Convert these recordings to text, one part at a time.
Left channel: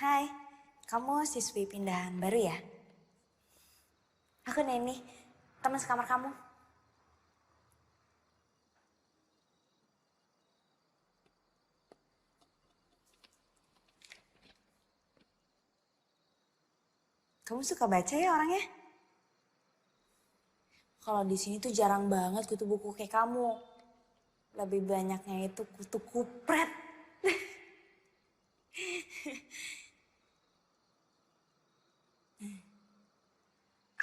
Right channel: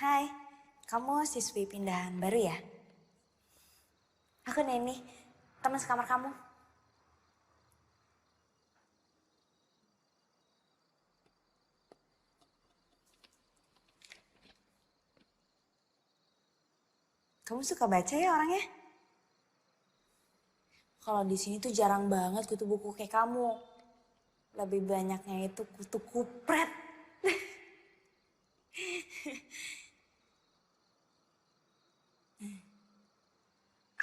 Hai, kamu siswi pindahan baru ya? Aku Neni, teman sekamar kamu. Kamu suka baca ya orangnya? Kalau di sini tuh jarang banget kutu buku kayak kamu. Lebih banyaknya itu kutu kupret.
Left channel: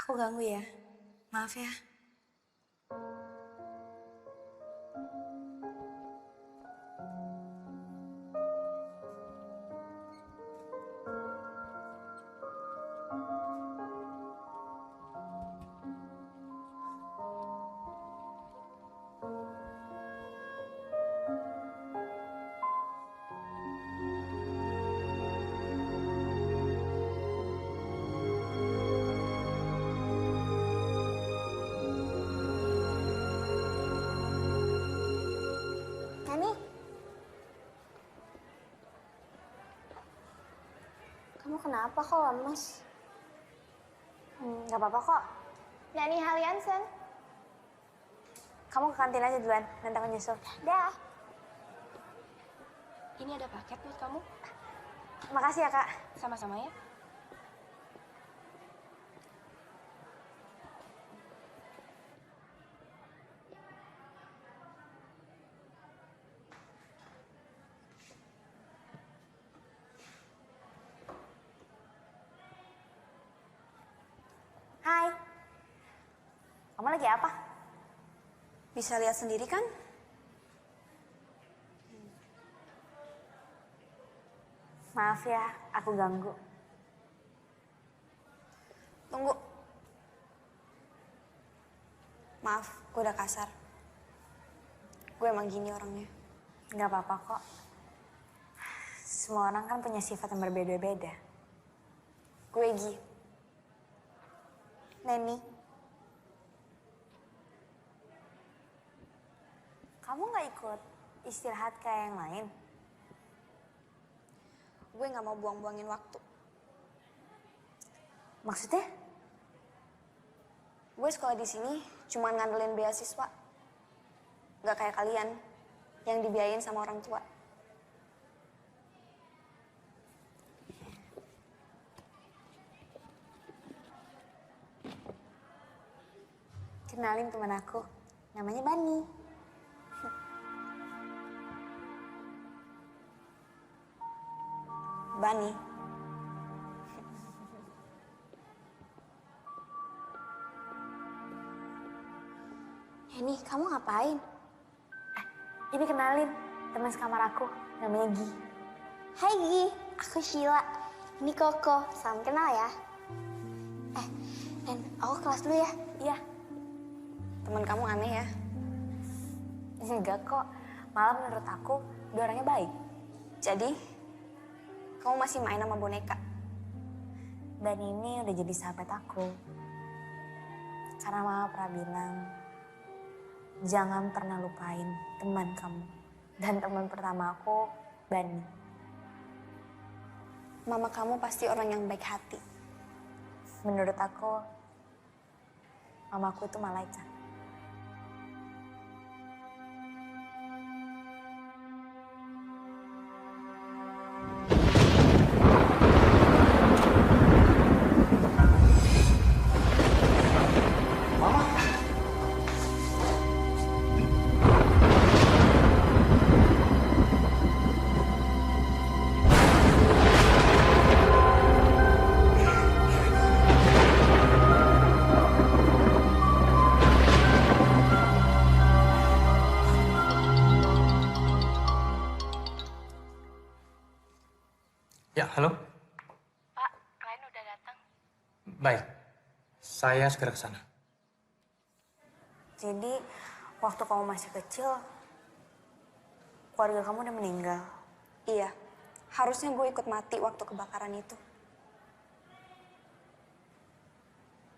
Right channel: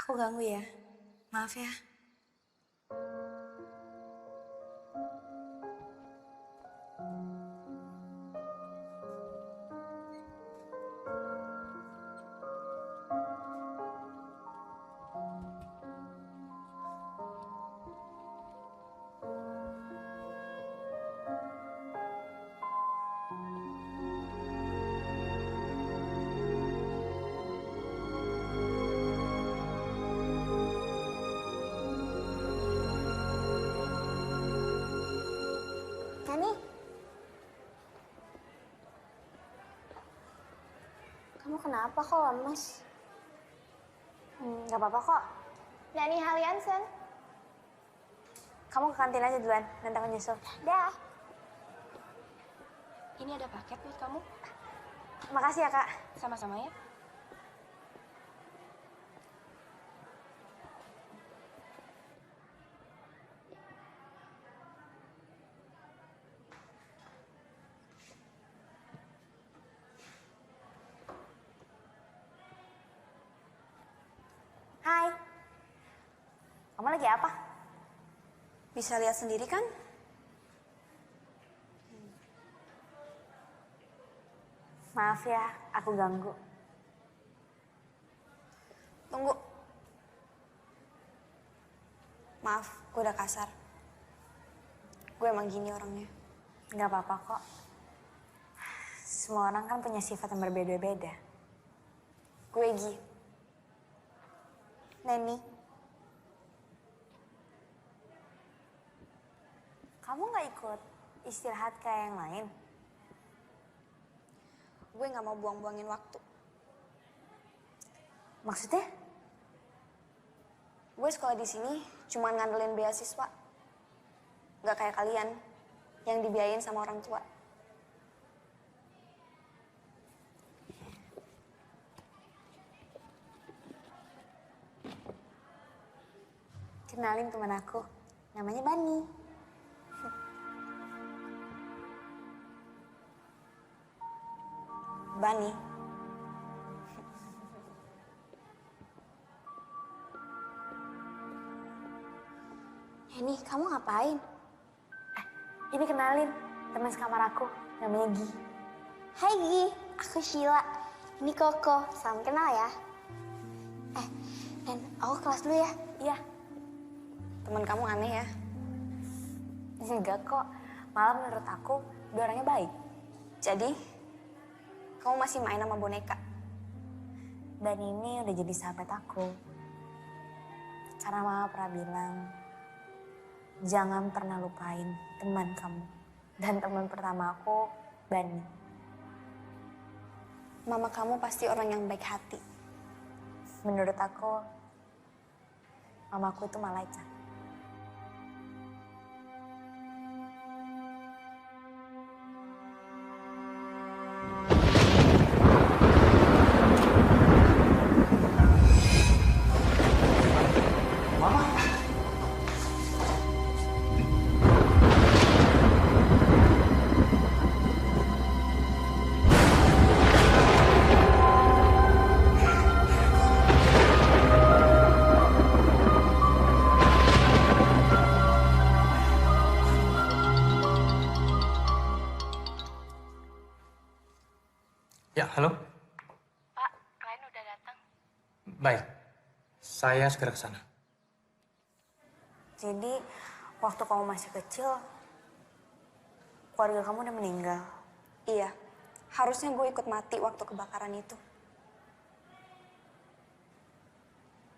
Aku ganggu ya, maaf ya. Nani, kamu kenapa kok lemes? Gak apa-apa kok. Nani Haliansen. Kamu ke kantin aja duluan, nanti aku nyusul. Dah. Ini ada paket buat kamu. Makasih ya kak. Sama-sama ya. Hai, kamu lagi apa? Bisa lihat sendiri kan? Maaf ya, aku ganggu. Tunggu. Maaf, gue udah kasar. Gue emang gini orangnya. Gak apa-apa kok. Semua orang kan punya sifat yang berbeda-beda. Gue Gi. Neni, kamu gak ikut istirahat kayak yang lain? Gue gak mau buang-buangin waktu. Maksudnya? Gue sekolah di sini cuma ngandelin beasiswa. Gak kayak kalian yang dibiayain sama orang tua. Kenalin teman aku, namanya Bani. Bani. Neni, kamu ngapain? Ini kenalin, teman sekamar aku, namanya Gi. Hai Gi, aku Sheila. Ini Koko, salam kenal ya. Nen, aku kelas dulu ya. Iya. Teman kamu aneh ya. Enggak kok, malah menurut aku dia orangnya baik. Jadi, kamu masih main sama boneka? Dan ini udah jadi sahabat aku. Karena mama pernah bilang, jangan pernah lupain teman kamu. Dan teman pertama aku, Bani. Mama kamu pasti orang yang baik hati. Menurut aku, mamaku itu malaikat. Mama. Ya, halo. Pak, klien udah datang. Baik, saya segera ke sana. Jadi, waktu kamu masih kecil, keluarga kamu udah meninggal. Iya, harusnya gue ikut mati waktu kebakaran itu.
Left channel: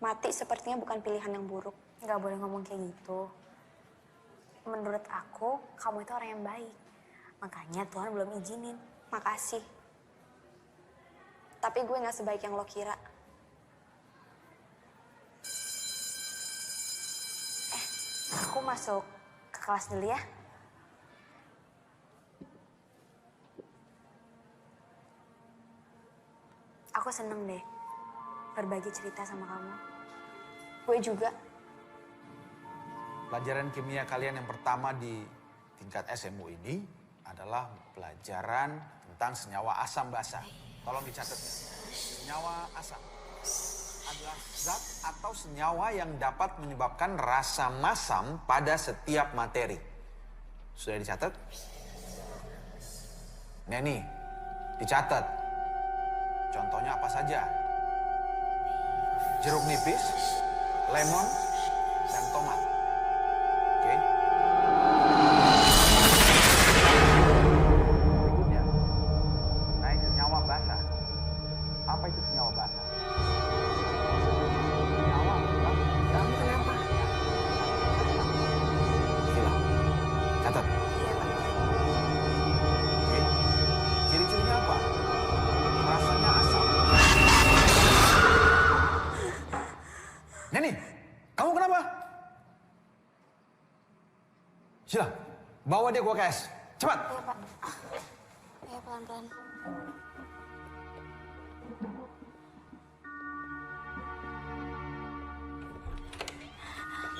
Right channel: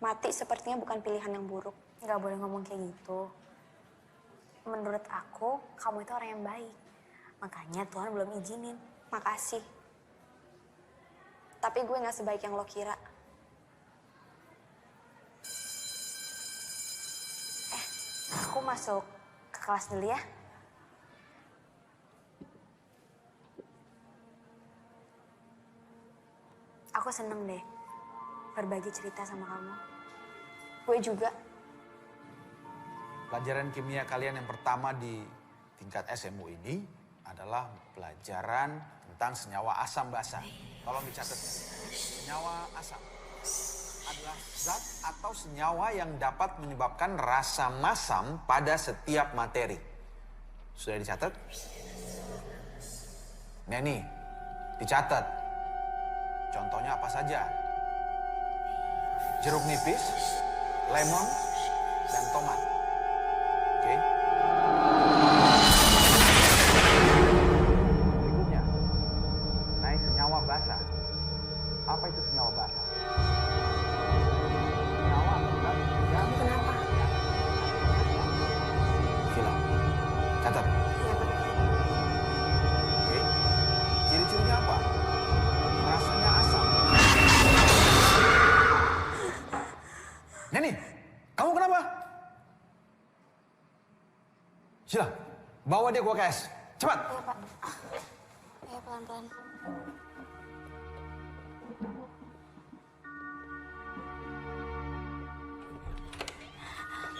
Mati sepertinya bukan pilihan yang buruk. Nggak boleh ngomong kayak gitu. Menurut aku, kamu itu orang yang baik. Makanya Tuhan belum izinin. Makasih. Tapi gue gak sebaik yang lo kira. Aku masuk ke kelas dulu ya. Aku seneng deh berbagi cerita sama kamu. Gue juga. Pelajaran kimia kalian yang pertama di tingkat SMU ini adalah pelajaran tentang senyawa asam basa. Tolong dicatat ya. Senyawa asam adalah zat atau senyawa yang dapat menyebabkan rasa masam pada setiap materi. Sudah dicatat? Nah nih, dicatat. Contohnya apa saja? Jeruk nipis, lemon, dan tomat. Oke. Berikutnya, naik senyawa basa. Apa itu senyawa basa? Senyawa atau zat yang Kenapa? bereaksi dengan asam. Sila, catat. Iya, Pak. Oke. Ciri-cirinya apa? Rasanya asam. Neni, kamu kenapa? Sila, bawa dia ke UKS. Cepat. Iya, Pak. Iya, pelan-pelan.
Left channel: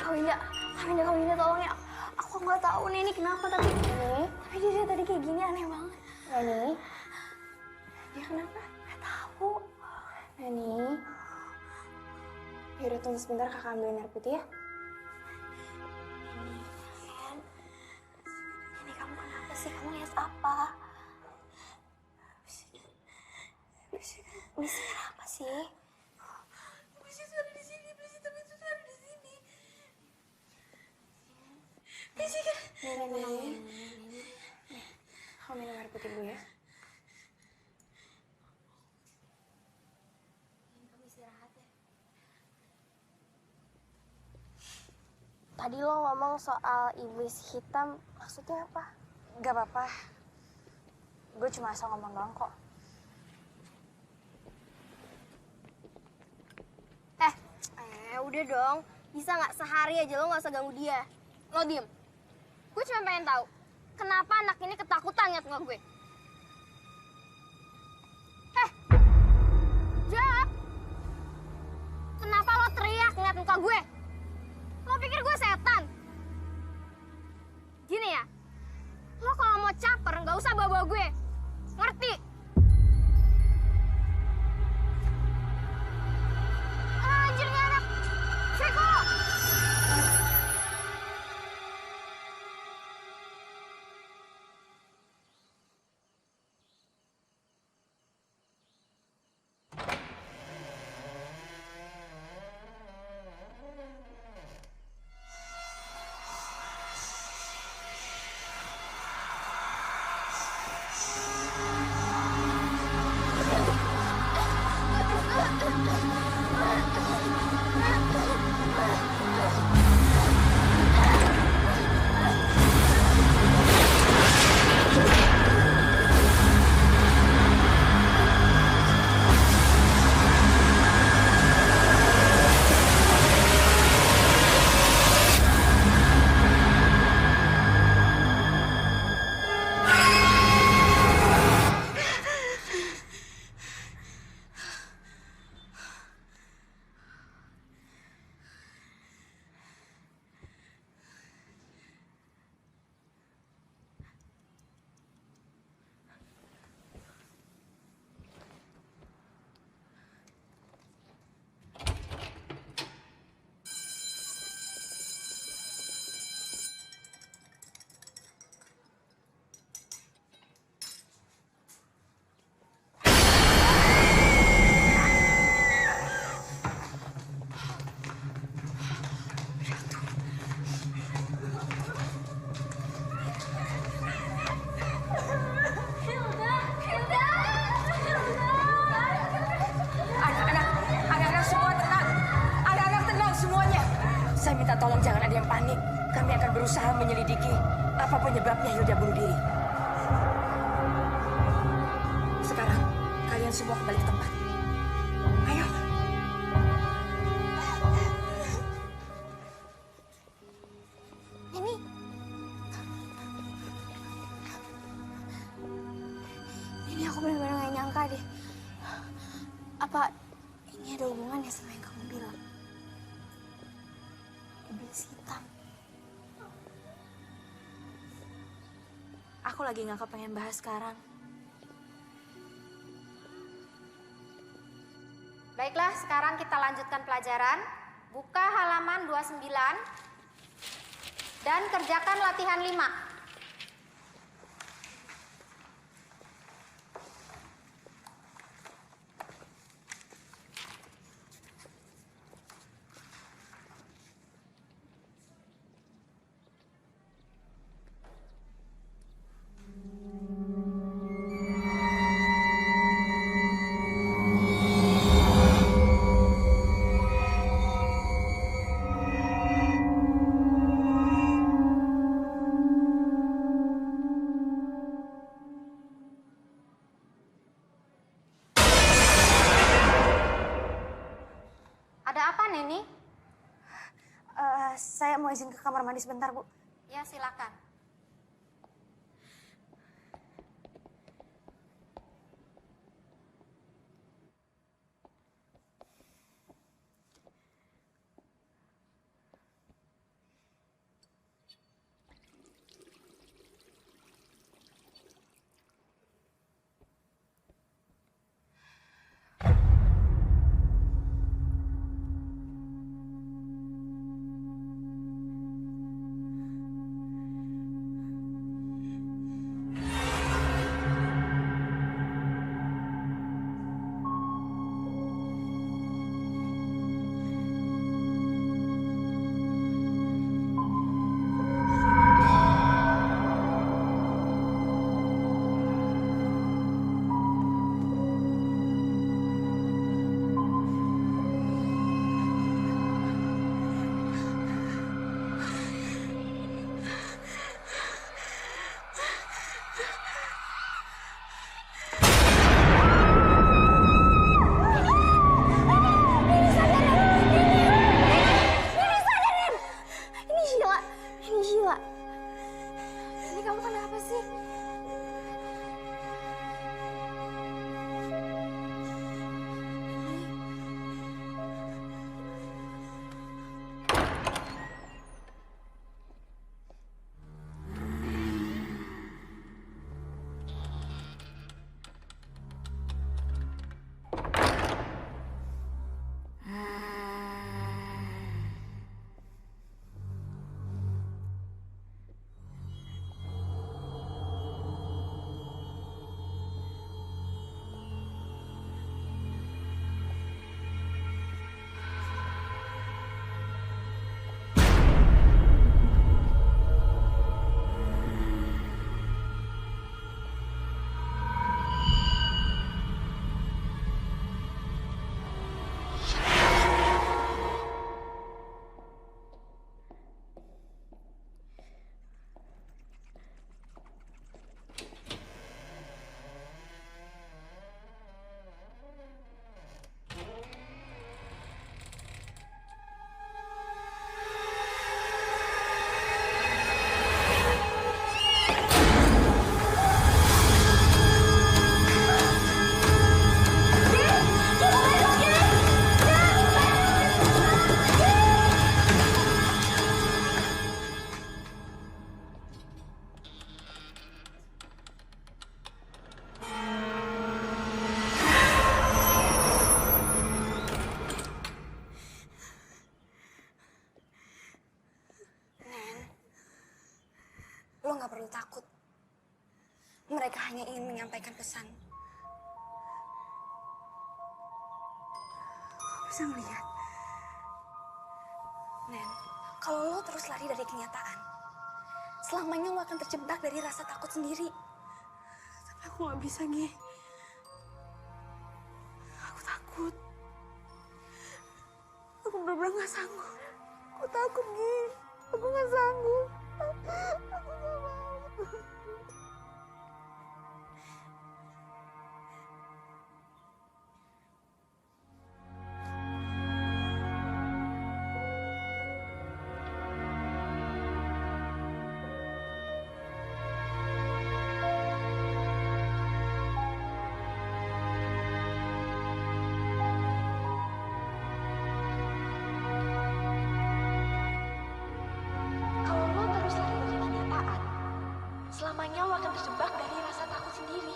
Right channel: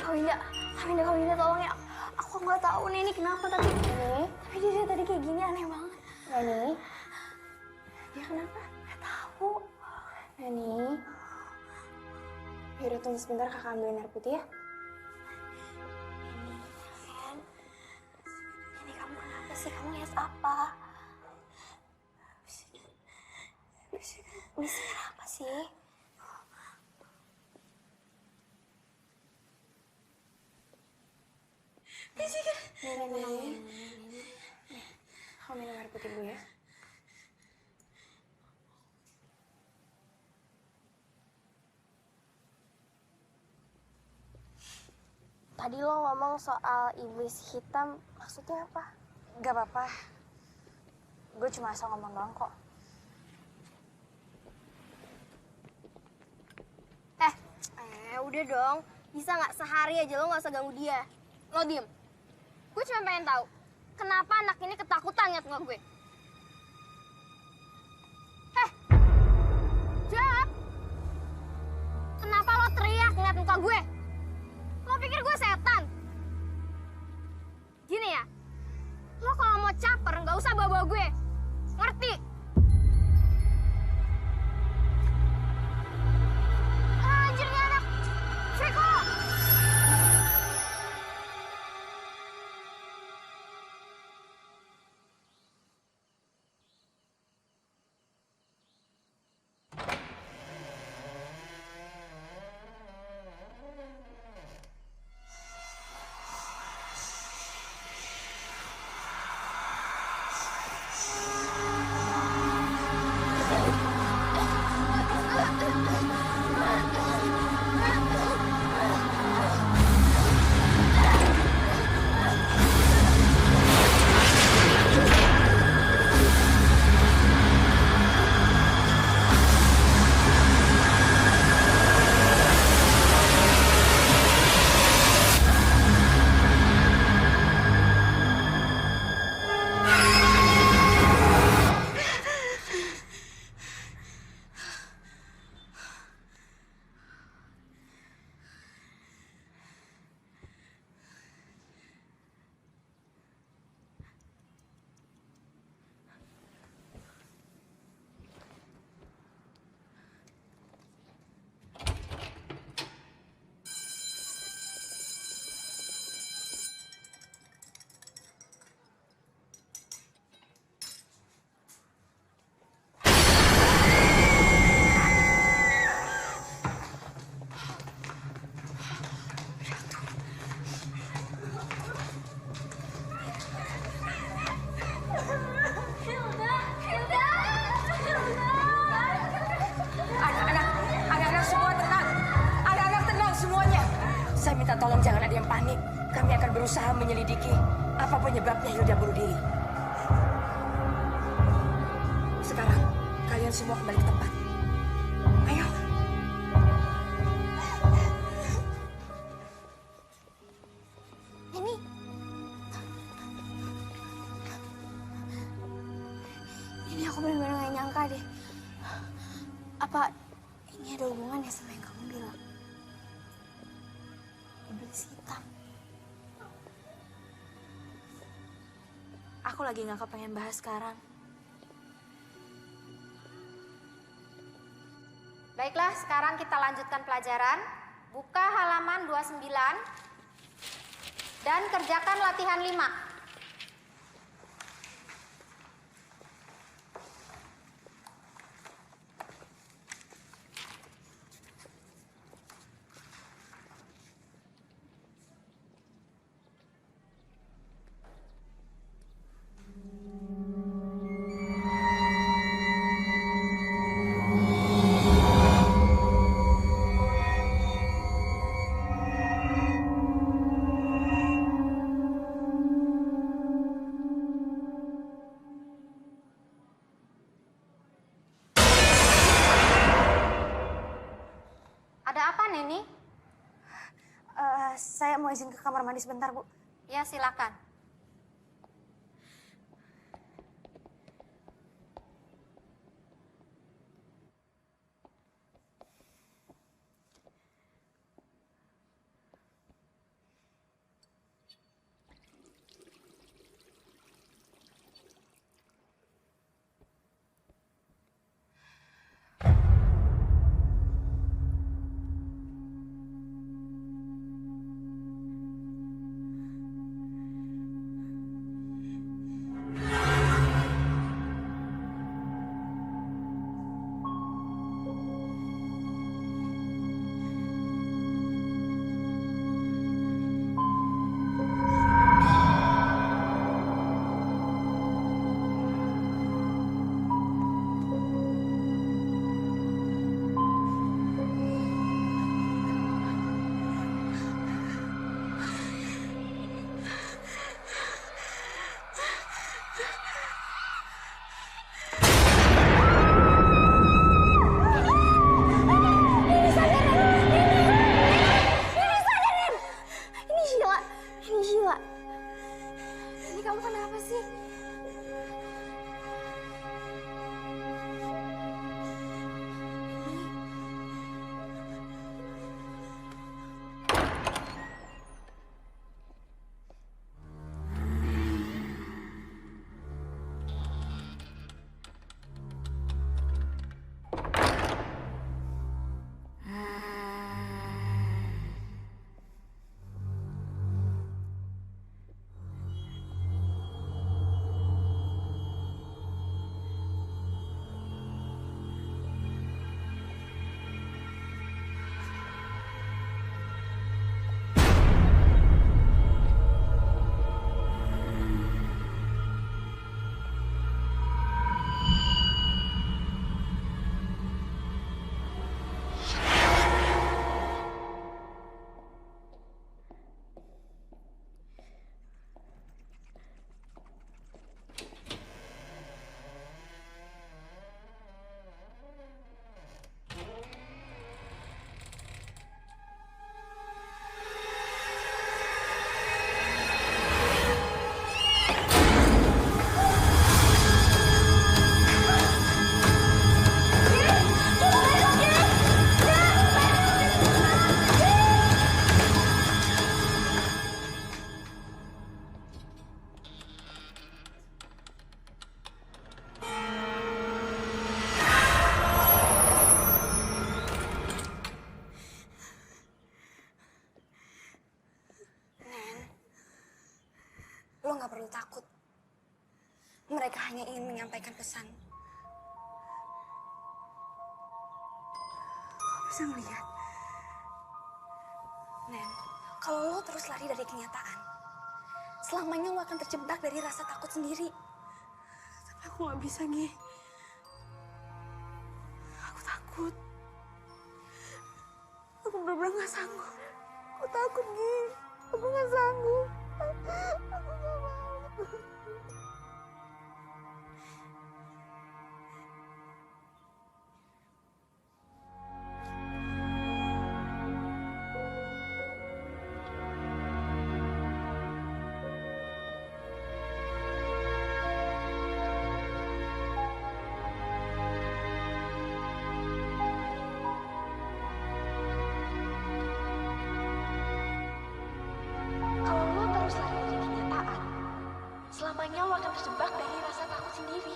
Kak Winda, tolong ya. Aku nggak tahu nih ini kenapa tapi dia tadi kayak gini aneh banget. Neni, Dia kenapa? nggak tahu. Neni, yaudah tunggu sebentar kakak ambilin air putih ya. Ini kamu kenapa sih? Kamu lihat apa? Bisik apa sih? Neni, kamu minum air putih dulu ya. Tadi lo ngomong soal iblis hitam, maksudnya apa? Gak apa-apa. Gue cuma asal ngomong doang kok. Udah dong. Bisa nggak sehari aja lo nggak usah ganggu dia. Lo diem. Gue cuma pengen tahu, kenapa anak ini ketakutan ngeliat muka gue? Jawab! Kenapa lo teriak ngeliat muka gue? Lo pikir gue setan? Gini ya, lo kalau mau caper nggak usah bawa-bawa gue. Ngerti? Anjir nih anak. Veko! Anak-anak semua tenang. Anak-anak tenang semuanya. Saya minta tolong jangan ada yang panik. Kami akan berusaha menyelidiki apa penyebabnya Hilda bunuh diri. Sekarang Kalian semua kembali ke tempat. Ayo. Ini aku benar-benar gak nyangka deh. Apa ini ada hubungannya sama yang kamu bilang? Iblis hitam. Aku lagi gak kepengen bahas sekarang. Baiklah, sekarang kita lanjutkan pelajaran. Buka halaman 29 dan kerjakan latihan 5. Ada apa, Neni? Saya mau izin ke kamar mandi sebentar, Bu. Ya, silakan. Ini kamu kenapa sih? Lo gak perlu takut. Mereka hanya ingin menyampaikan pesan. Lo bisa ngeliat. Nen, kalau lo terus lari dari kenyataan, selamanya lo akan terjebak dari rasa takut sendiri. Tapi aku gak bisa, Gi. Aku takut. Aku bener-bener gak sanggup. Aku takut, Gi. Aku gak sanggup. Aku gak mau. terus lari dari kenyataan, selamanya lo akan terjebak dari rasa takut sendiri.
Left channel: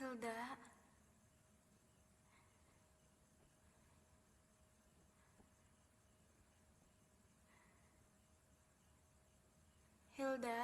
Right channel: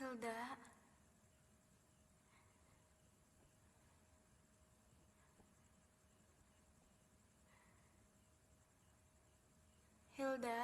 Hilda. Hilda.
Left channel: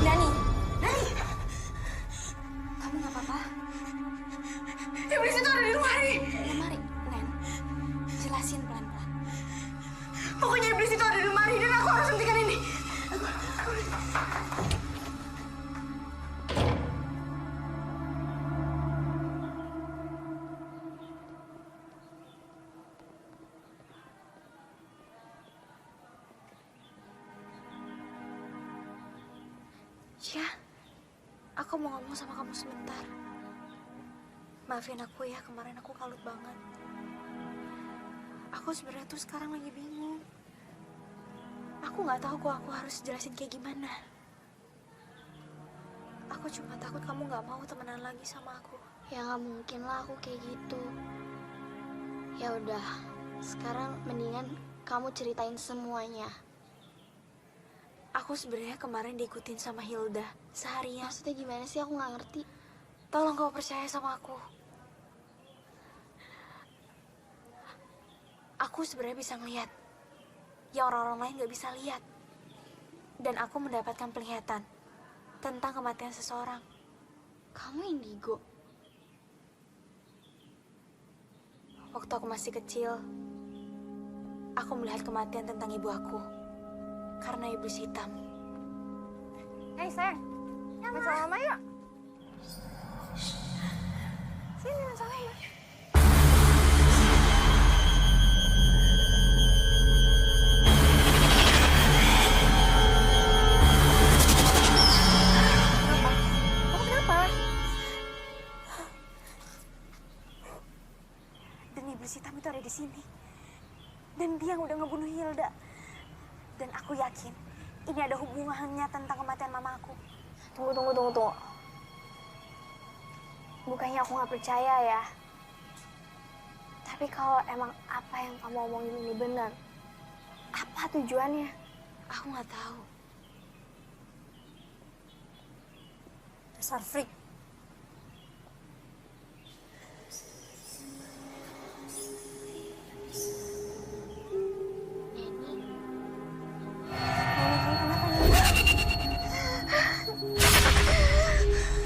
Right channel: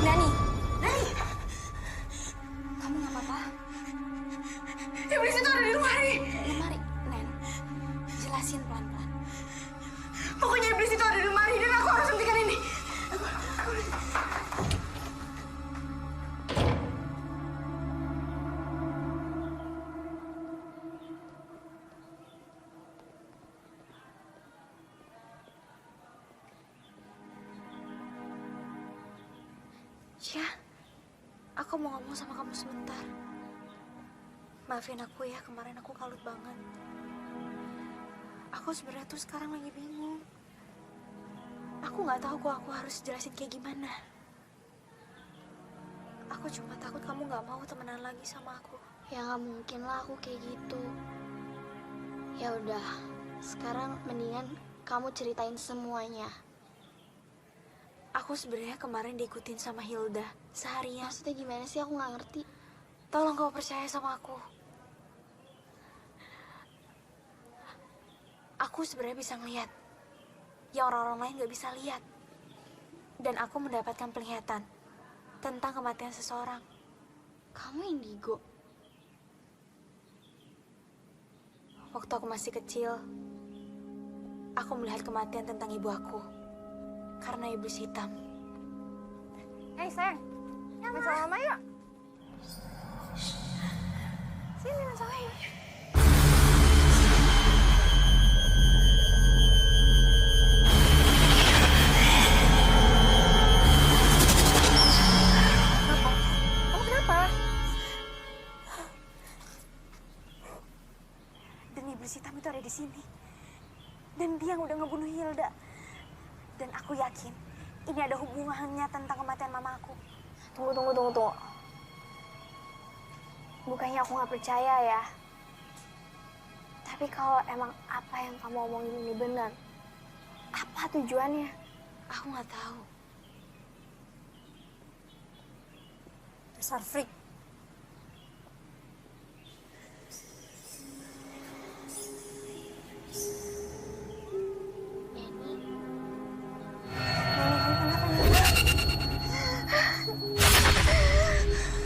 Nani, Nani, kamu nggak apa-apa? Iblis itu ada di lemari. Lemari, Nen, jelasin pelan-pelan. Pokoknya iblis itu ada di lemari dan aku harus hentikan ini. Ya, aku mau ngomong sama kamu sebentar. Maafin aku ya, kemarin aku kalut banget. Aku sebenarnya tuh sekarang lagi bingung. Aku nggak tahu kok aku harus jelasin kayak gimana. Aku cuma takut kamu nggak mau temenan lagi sama aku. Ya nggak mungkin lah aku kayak gitu. Ya udah, sekarang mendingan kamu ceritain semuanya. Aku sebenarnya kemarin diikutin sama Hilda seharian. Maksudnya gimana sih? Aku nggak ngerti. Tolong kau percaya sama aku. Aku sebenarnya bisa ngeliat yang orang-orang lain nggak bisa lihat. Dan aku mendapatkan penglihatan tentang kematian seseorang. Kamu indigo? Waktu aku masih kecil, aku melihat kematian tentang ibu aku karena iblis hitam. Hei sayang, main sama mama yuk. Sini main sama mama. Kenapa? Kamu kenapa? Dan iblis hitam itu ada di sini. Dan dia yang udah ngebunuh Hilda. Dan aku yakin ini ada hubungannya tentang kematian mama aku. Tunggu. Bukannya aku nggak percaya ya. Tapi kalau emang apa yang kamu omongin ini benar, apa tujuannya? Aku nggak tahu. Dasar freak. Neni, Neni, kamu kenapa nih?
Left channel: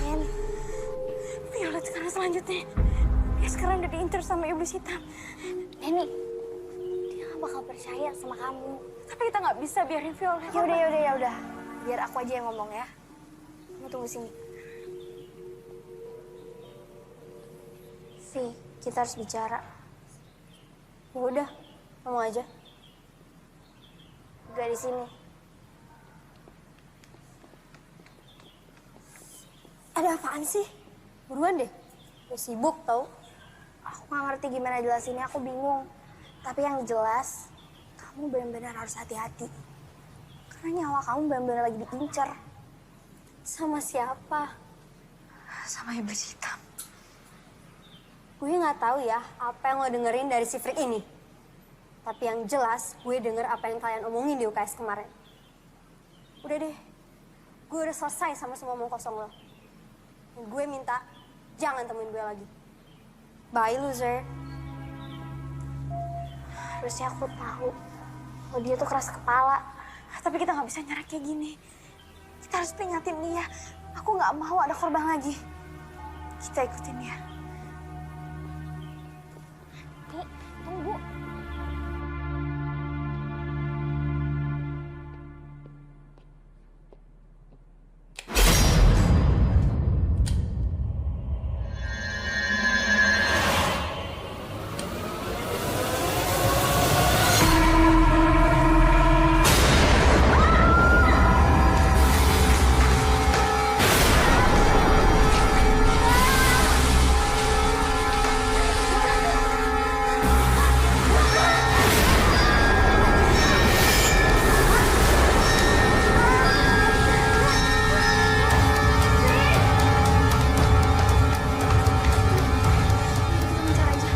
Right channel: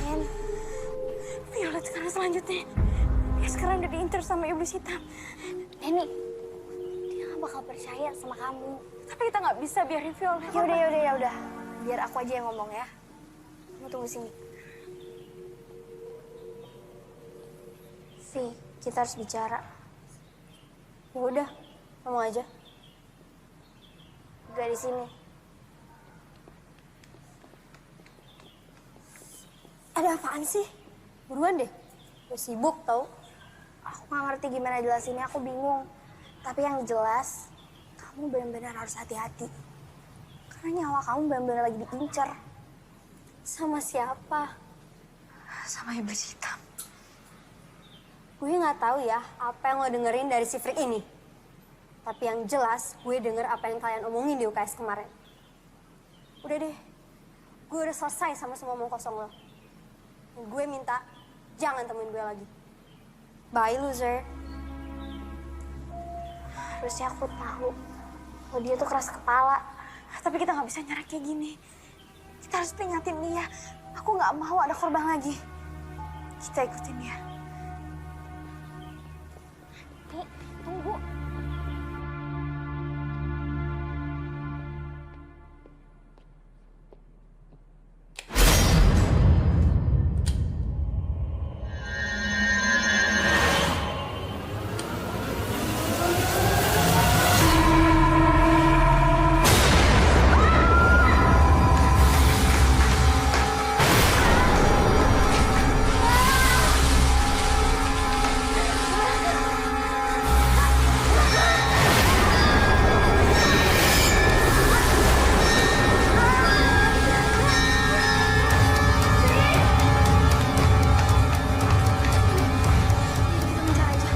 Nen, Violet sekarang selanjutnya. Dia sekarang udah diinter sama iblis hitam. Neni, dia nggak bakal percaya sama kamu. Tapi kita nggak bisa biarin Violet. Ya udah. Biar aku aja yang ngomong ya. Kamu tunggu sini. Vi, kita harus bicara. Ya udah, ngomong aja. Gak di sini. Ada apaan sih? Buruan deh. Gue sibuk tau. Aku gak ngerti gimana jelasinnya, aku bingung. Tapi yang jelas, kamu benar-benar harus hati-hati. Karena nyawa kamu benar-benar lagi diincar. Sama siapa? Sama iblis hitam. Gue gak tahu ya apa yang lo dengerin dari si freak ini. Tapi yang jelas, gue denger apa yang kalian omongin di UKS kemarin. Udah deh, gue udah selesai sama semua omong kosong lo. Dan gue minta, jangan temuin gue lagi. Bye, loser. Harusnya aku tahu kalau dia tuh keras kepala. Tapi kita nggak bisa nyerah kayak gini. Kita harus peringatin dia. Aku nggak mau ada korban lagi. Kita ikutin dia. Nih, tunggu. Kita mencari aja.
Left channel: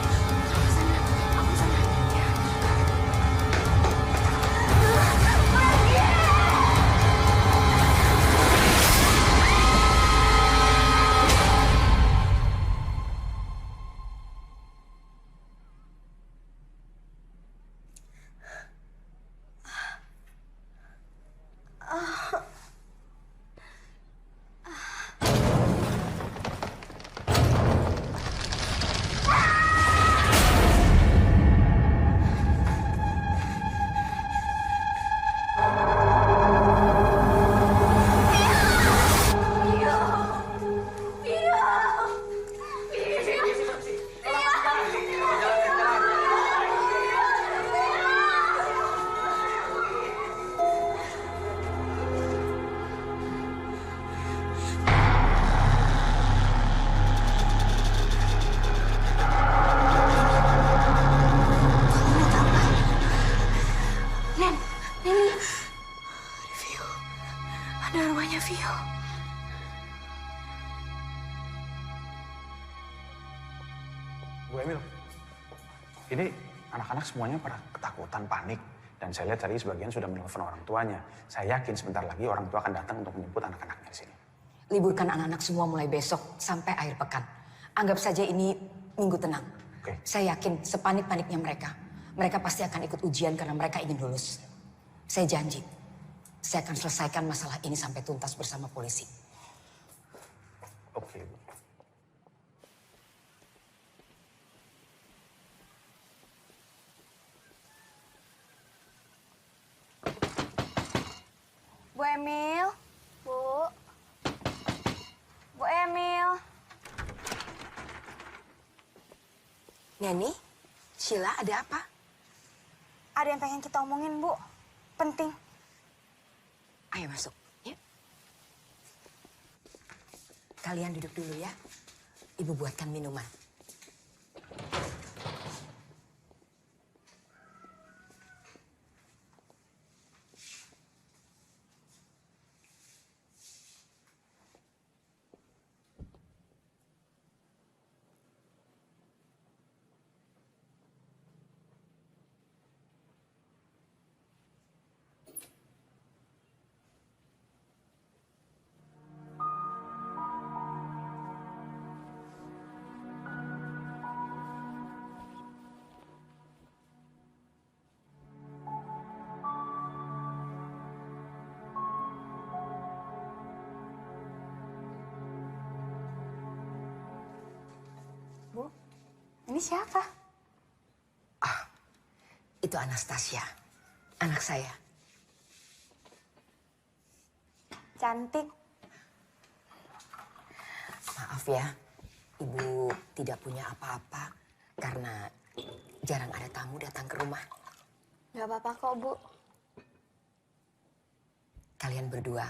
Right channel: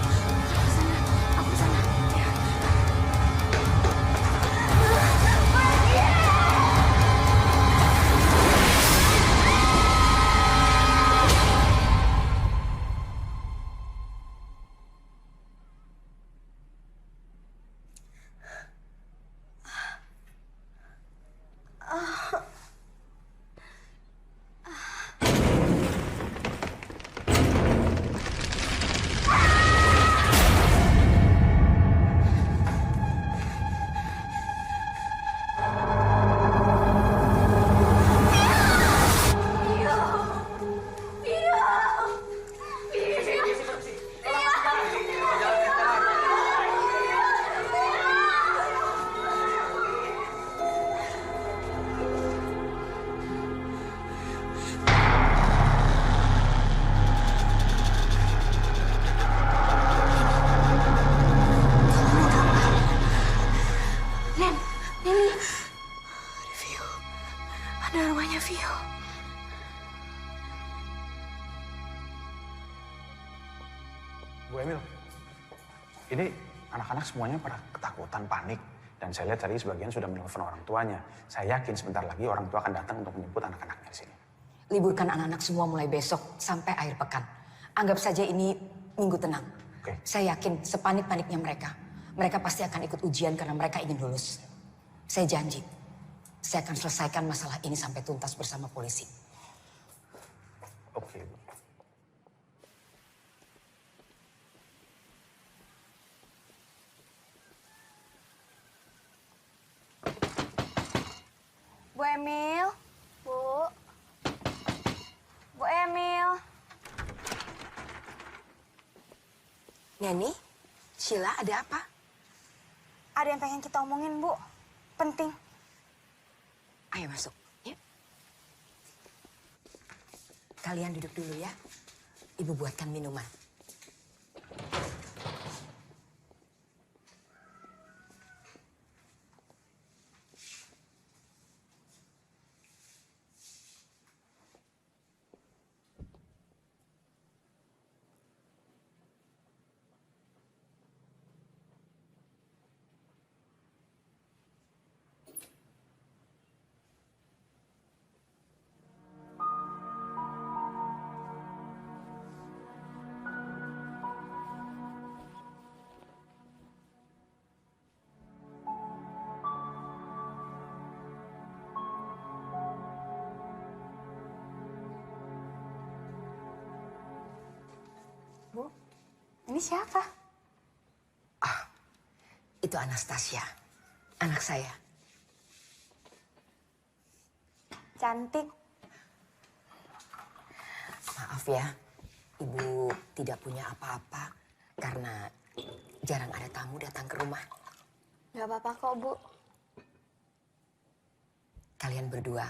Aku kesana, aku kesana. Ya. Kamu lihat apa? Nen, Neni. Ada Vio. Ada rumahnya Vio. Bu Emil, ini anak-anak semuanya pada ketakutan, panik. Dan saya lihat tadi sebagian sudah menelpon orang tuanya. Saya yakin sebentar lagi orang tua akan datang untuk menjemput anak-anaknya di sini. Liburkan anak-anak semua mulai besok sampai akhir pekan. Anggap saja ini minggu tenang. Oke. Saya yakin sepanik-paniknya mereka. Mereka pasti akan ikut ujian karena mereka ingin lulus. Saya janji, saya akan selesaikan masalah ini sampai tuntas bersama polisi. Oke, Bu. Bu Emil. Bu. Bu Emil. Neni, Sheila, ada apa? Ada yang pengen kita omongin, Bu. Penting. Ayo masuk, ya. Kalian duduk dulu ya. Ibu buatkan minuman. Bu, ini siapa? Itu Anastasia, anak saya. Cantik. Maaf ya, Ibu tidak punya apa-apa karena jarang ada tamu datang ke rumah. Gak apa-apa kok, Bu. Kalian berdua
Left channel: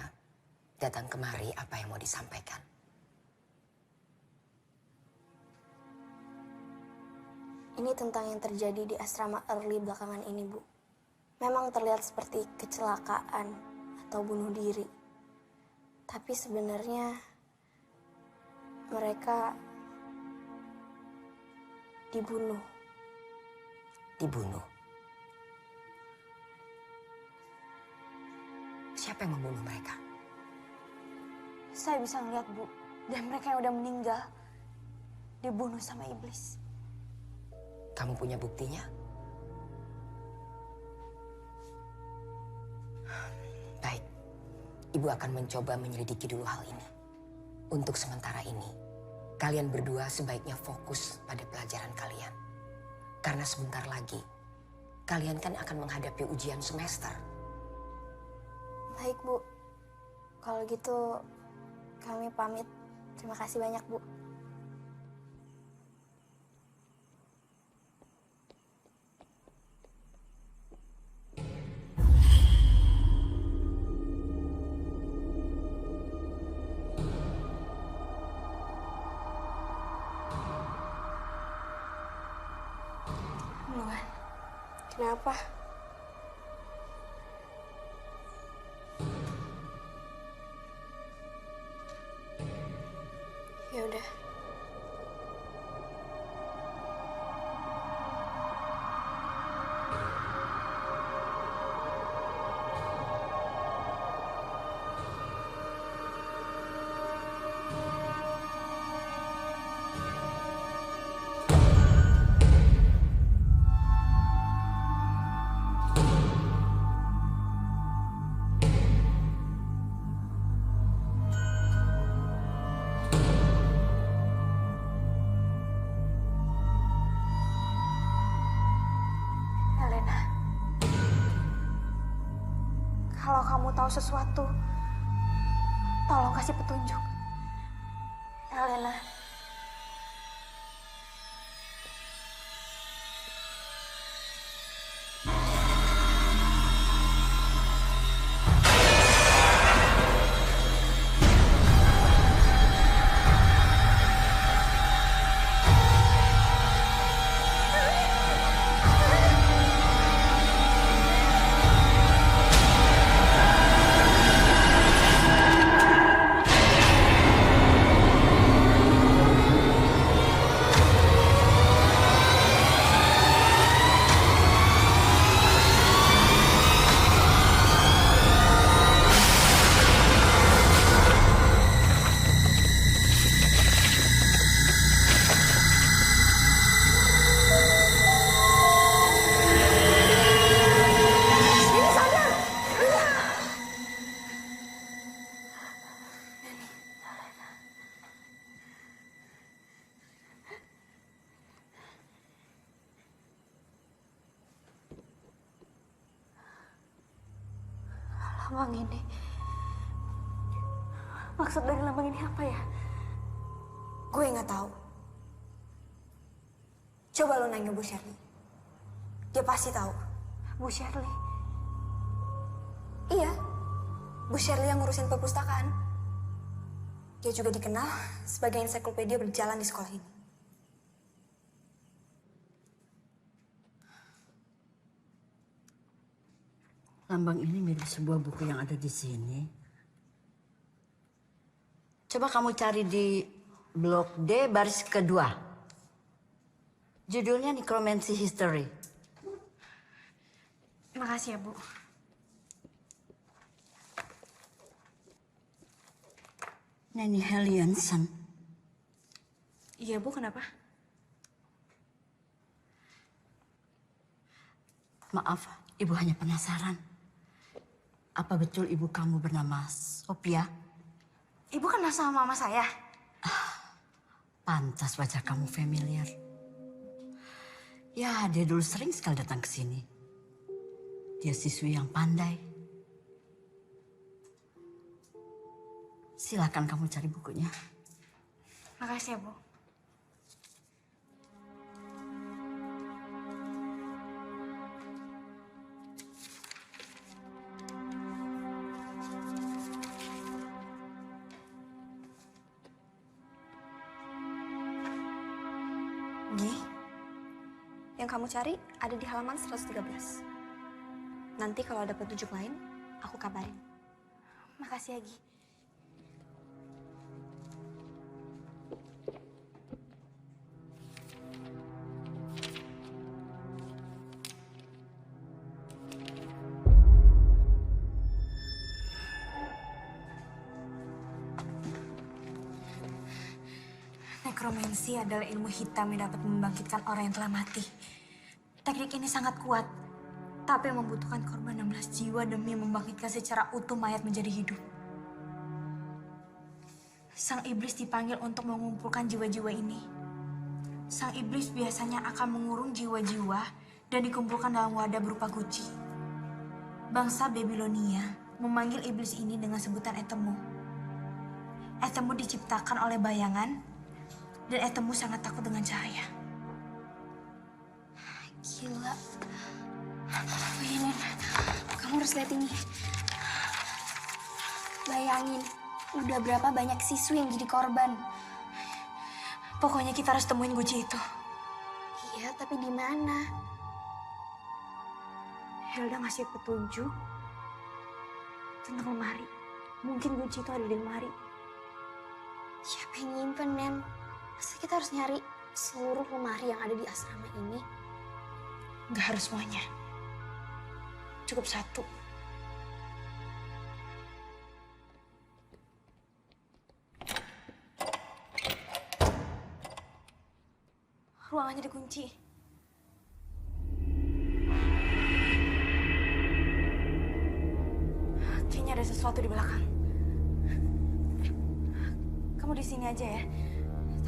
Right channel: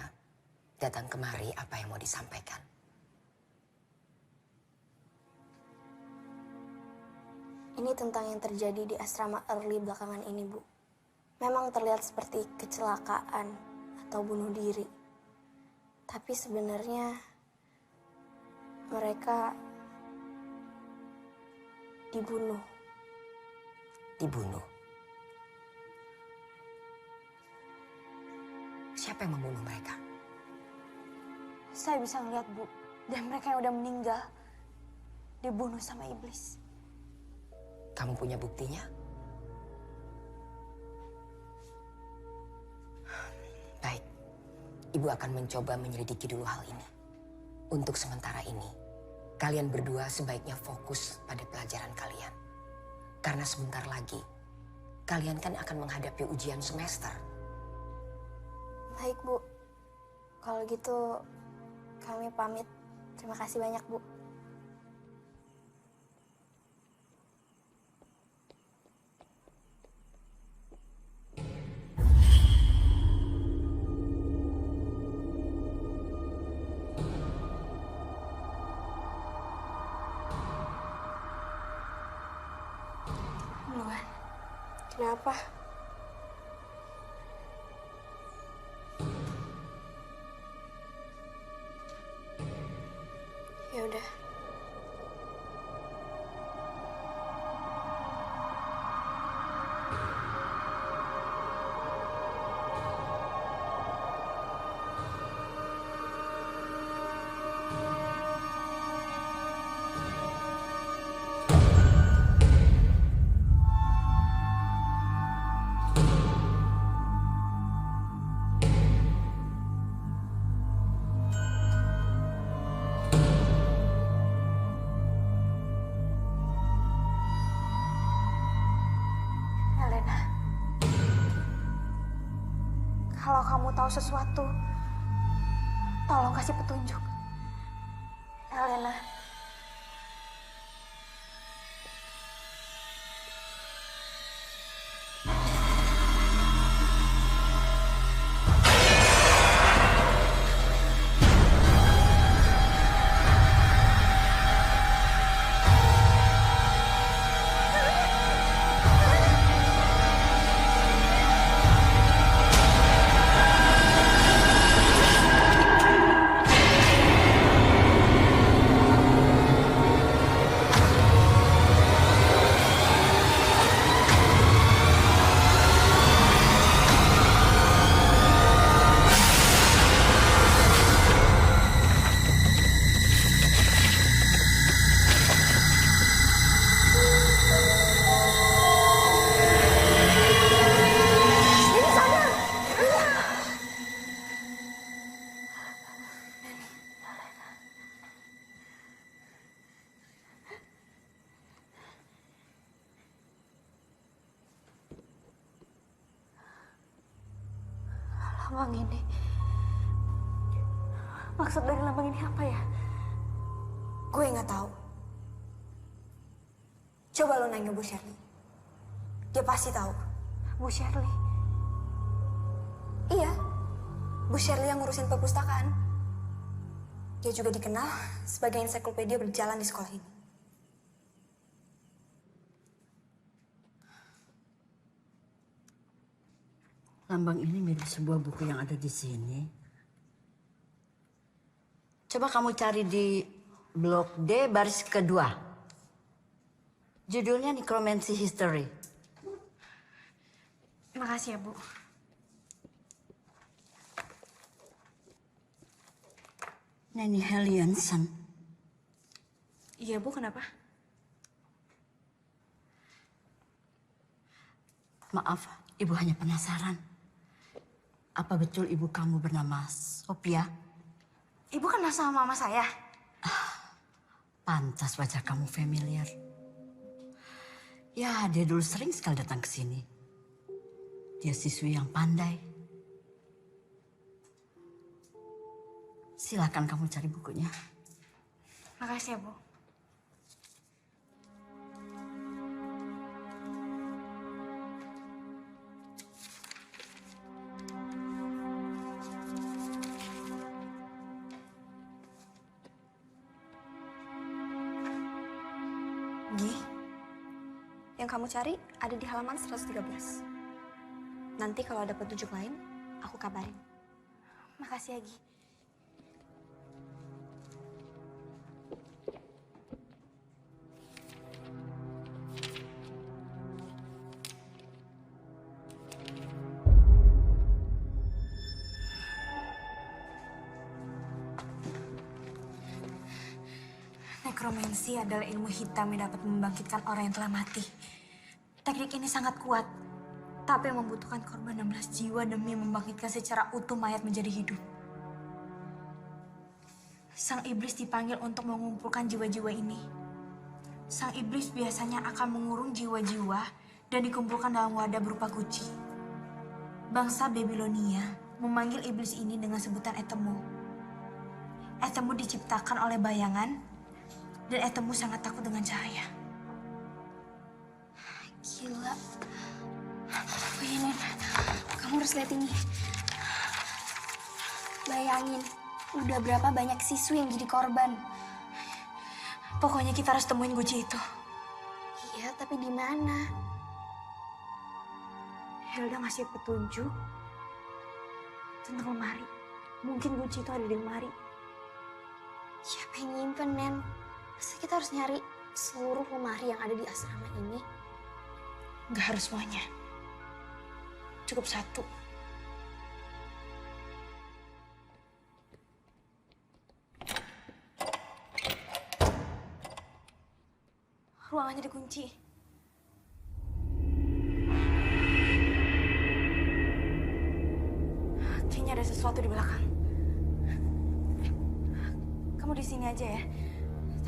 datang kemari apa yang mau disampaikan? Ini tentang yang terjadi di asrama early belakangan ini, Bu. Memang terlihat seperti kecelakaan atau bunuh diri. Tapi sebenarnya mereka dibunuh. Dibunuh. Siapa yang membunuh mereka? Saya bisa ngeliat, Bu. Dan mereka yang udah meninggal dibunuh sama iblis. Kamu punya buktinya? Baik, Ibu akan mencoba menyelidiki dulu hal ini. Untuk sementara ini, kalian berdua sebaiknya fokus pada pelajaran kalian. Karena sebentar lagi, kalian kan akan menghadapi ujian semester. Baik, Bu. Kalau gitu kami pamit. Terima kasih banyak, Bu. Luan, Kenapa? Ya udah. Helena. Kalau kamu tahu sesuatu, tolong kasih petunjuk. Helena. Lambang ini. Maksud dari lambang ini apa ya? Gue nggak tahu. Coba lo nanya Bu Shirley. Dia pasti tahu. Bu Shirley. Iya, Bu Shirley yang ngurusin perpustakaan. Dia juga dikenal sebagai ensiklopedia berjalan di sekolah ini. Lambang ini mirip sebuah buku yang ada di sini. Coba kamu cari di blok D baris kedua. Judulnya Necromancy History. Makasih ya, Bu. Nanny Hellianson. Iya, Bu, kenapa? Maaf, Ibu hanya penasaran. Apa betul ibu kamu bernama Sophia? Ibu kenal sama mama saya. Pantas wajah kamu familiar. Ya, dia dulu sering sekali datang ke sini. Dia siswi yang pandai. Silakan kamu cari bukunya. Makasih ya, Bu. Gi, Yang kamu cari ada di halaman 113. Nanti kalau ada petunjuk lain, aku kabarin. Makasih ya, Gi. Nekromansi adalah ilmu hitam yang dapat membangkitkan orang yang telah mati. Teknik ini sangat kuat, tapi membutuhkan korban 16 jiwa demi membangkitkan secara utuh mayat menjadi hidup. Sang iblis dipanggil untuk mengumpulkan jiwa-jiwa ini. Sang iblis biasanya akan mengurung jiwa-jiwa dan dikumpulkan dalam wadah berupa guci. Bangsa Babilonia memanggil iblis ini dengan sebutan Etemu. Etemu diciptakan oleh bayangan, dan Etemu sangat takut dengan cahaya. Gila. Oh iya, Nen. Kamu harus lihat ini. Bayangin, udah berapa banyak siswi yang jadi korban. Pokoknya kita harus temuin guci itu. Iya, tapi di mana? Hilda ngasih petunjuk tentang lemari. Mungkin kunci itu ada di lemari. Siapa yang nyimpen, Nen? Masa kita harus nyari seluruh lemari yang ada di asrama ini? Nggak harus semuanya. Cukup satu. Ruangannya dikunci. Kayaknya ada sesuatu di belakang. Kamu di sini aja ya.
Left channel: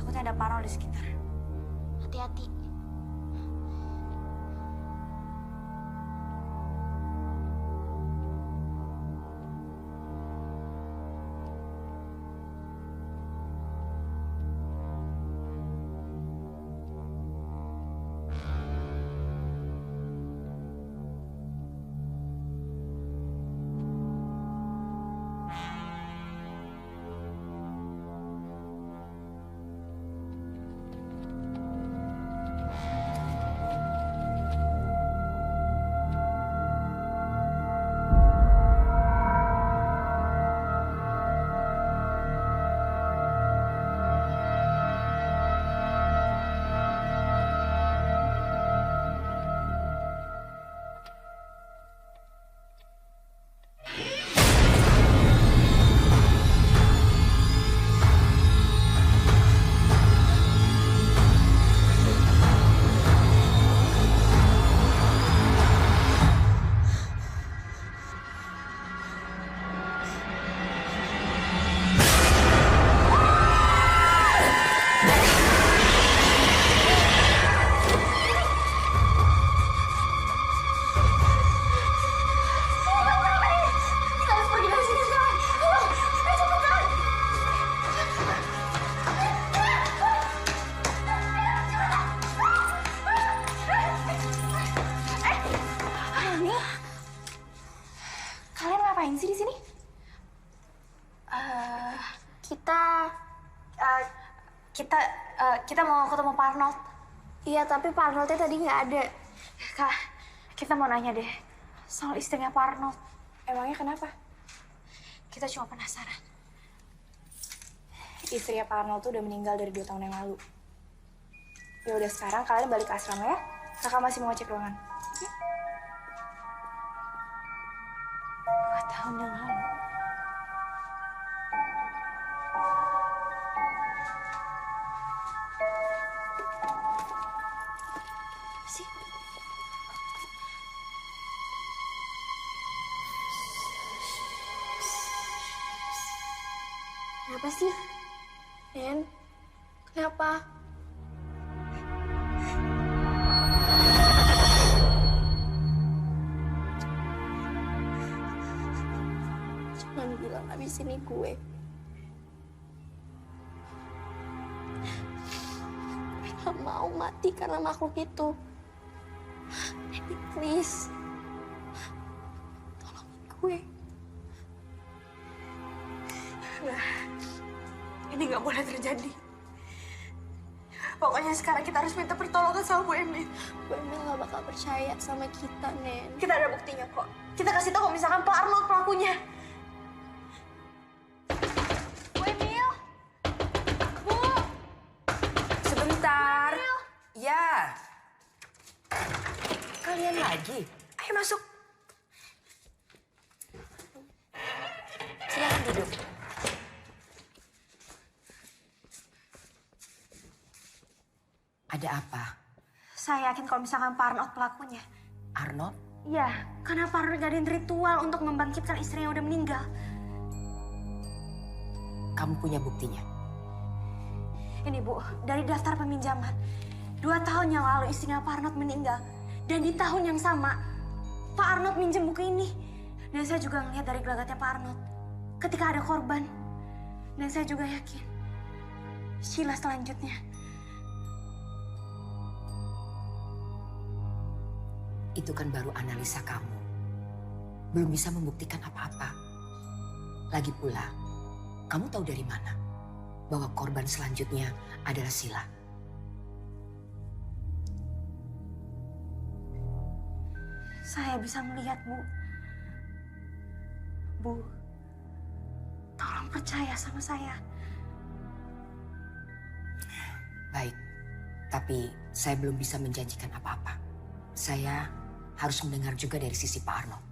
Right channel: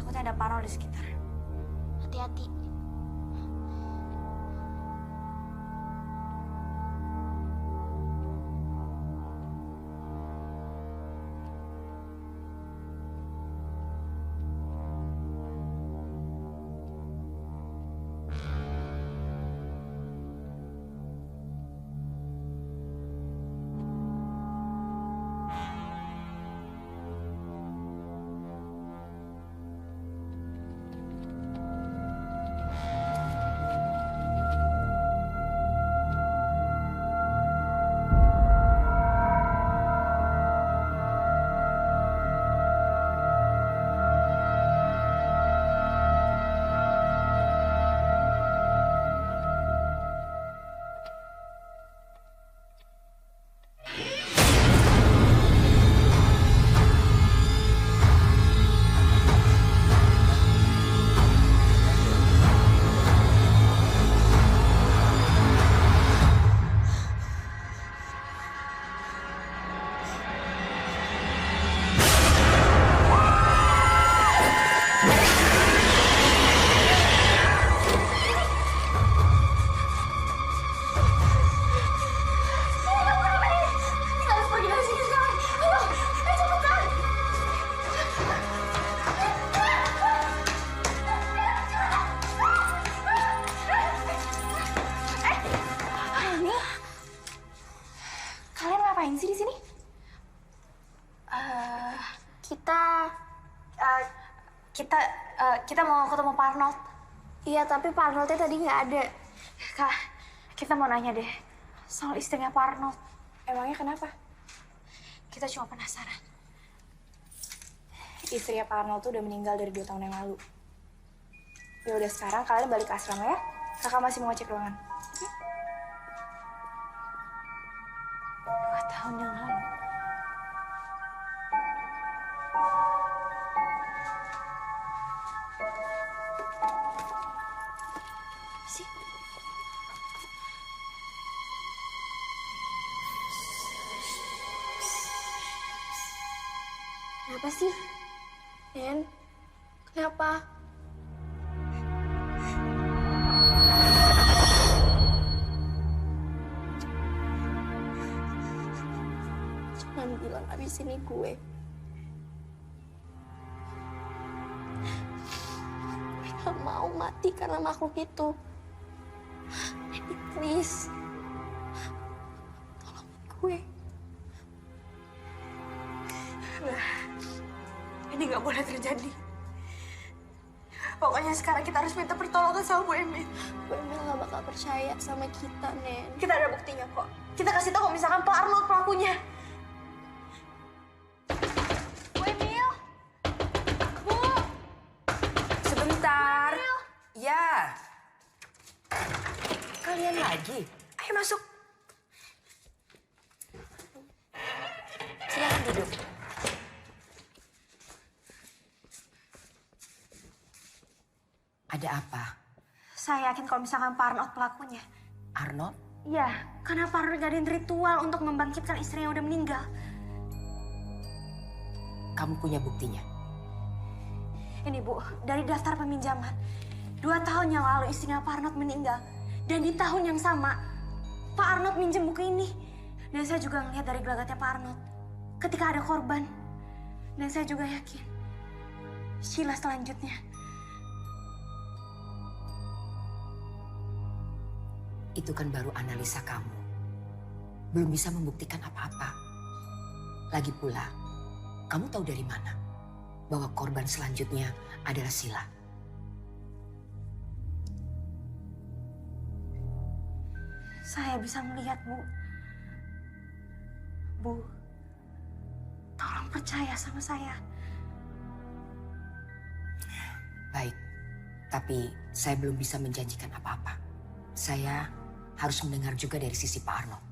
Takutnya ada parno di sekitar. Hati-hati. Kalian ngapain sih di sini? Kita mau ketemu Pak Arnold. Iya, tapi Pak Arnoldnya tadi nggak ada. Kak, kita mau nanya deh soal istrinya Pak Arnold. Emangnya kenapa? Kita cuma penasaran. Istrinya Pak Arnold tuh udah meninggal dari 2 tahun yang lalu. Ya udah, sekarang kalian balik ke asrama ya. Kakak masih mau ngecek ruangan. 2 tahun yang lalu. Sih. Kenapa sih? Nen, kenapa? Jangan bilang abis ini gue. Gue gak mau mati karena makhluk itu. Jadi please, tolongin gue. Enggak. Ini nggak boleh terjadi. Pokoknya sekarang kita harus minta pertolongan sama Bu Emil. Bu Emil gak bakal percaya sama kita, Nen. Kita ada buktinya kok. Kita kasih tahu kalau misalkan Pak Arnold pelakunya. Bu Emil! Bu! Sebentar. Ya. Kalian lagi. Ayo masuk. Silakan duduk. Ada apa? Saya yakin kalau misalkan Pak Arnold pelakunya. Arnold? Iya, karena Pak Arnold ngadain ritual untuk membangkitkan istri yang udah meninggal. Kamu punya buktinya? Ini Bu, dari daftar peminjaman. 2 tahun yang lalu istrinya Pak Arnold meninggal. Dan di tahun yang sama, Pak Arnold minjem buku ini. Dan saya juga ngelihat dari gelagatnya Pak Arnold. Ketika ada korban. Dan saya juga yakin. Sheila selanjutnya. Itu kan baru analisa kamu. Belum bisa membuktikan apa-apa. Lagi pula, kamu tahu dari mana bahwa korban selanjutnya adalah Sheila? Saya bisa melihat, Bu. Bu, tolong percaya sama saya. Baik, tapi saya belum bisa menjanjikan apa-apa. Saya harus mendengar juga dari sisi Pak Arnold.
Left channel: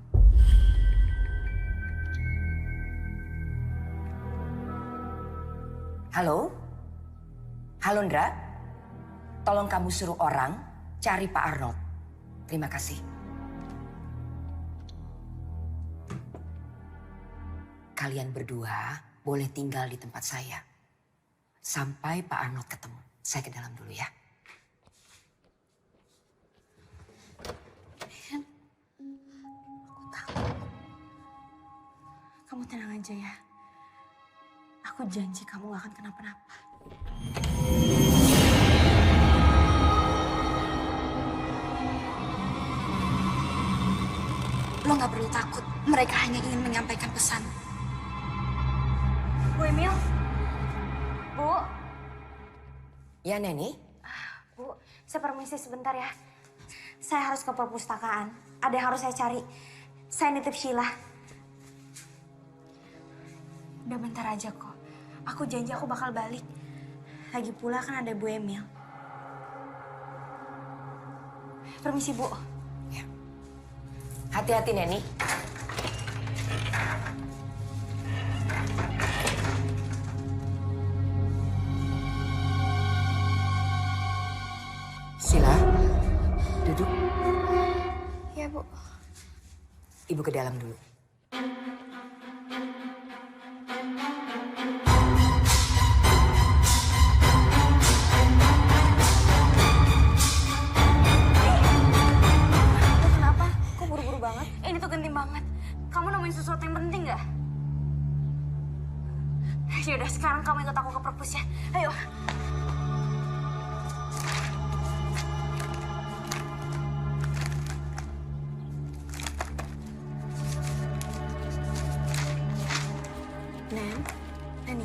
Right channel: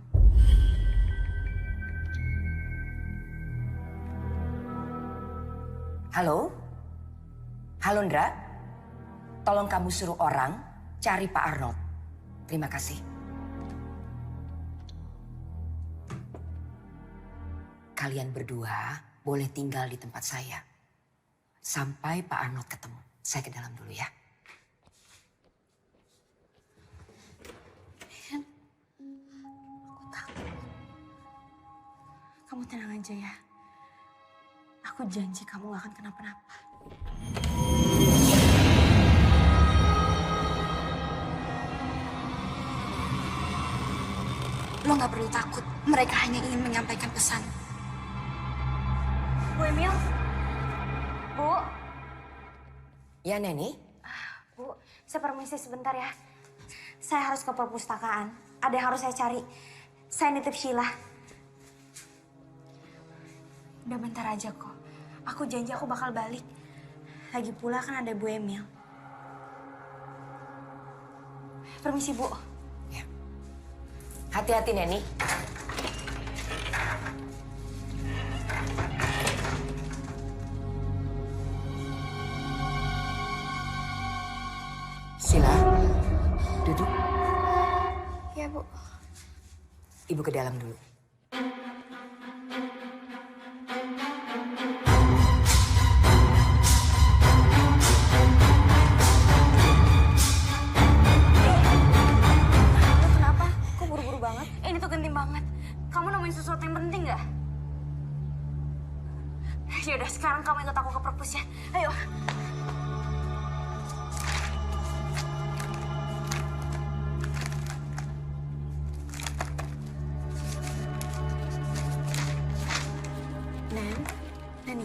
Halo? Halo, Ndra? Tolong kamu suruh orang cari Pak Arnold. Terima kasih. Kalian berdua boleh tinggal di tempat saya. Sampai Pak Arnold ketemu. Saya ke dalam dulu ya. Kamu tenang aja ya. Aku janji kamu gak akan kenapa-napa. Lo gak perlu takut. Mereka hanya ingin menyampaikan pesan. Bu Emil? Bu? Ya, Neni? Bu, saya permisi sebentar ya. Saya harus ke perpustakaan. Ada yang harus saya cari. Saya nitip Sheila. Udah bentar aja kok. Aku janji aku bakal balik. Lagi pula kan ada Bu Emil. Permisi, Bu. Ya. Hati-hati, Neni. Sheila, duduk. Ya, Bu. Ibu ke dalam dulu. Lo kenapa? Kok buru-buru banget? Ini tuh genting banget. Kamu nemuin sesuatu yang penting gak? Yaudah, sekarang kamu ikut aku ke perpus ya. Ayo. Neni,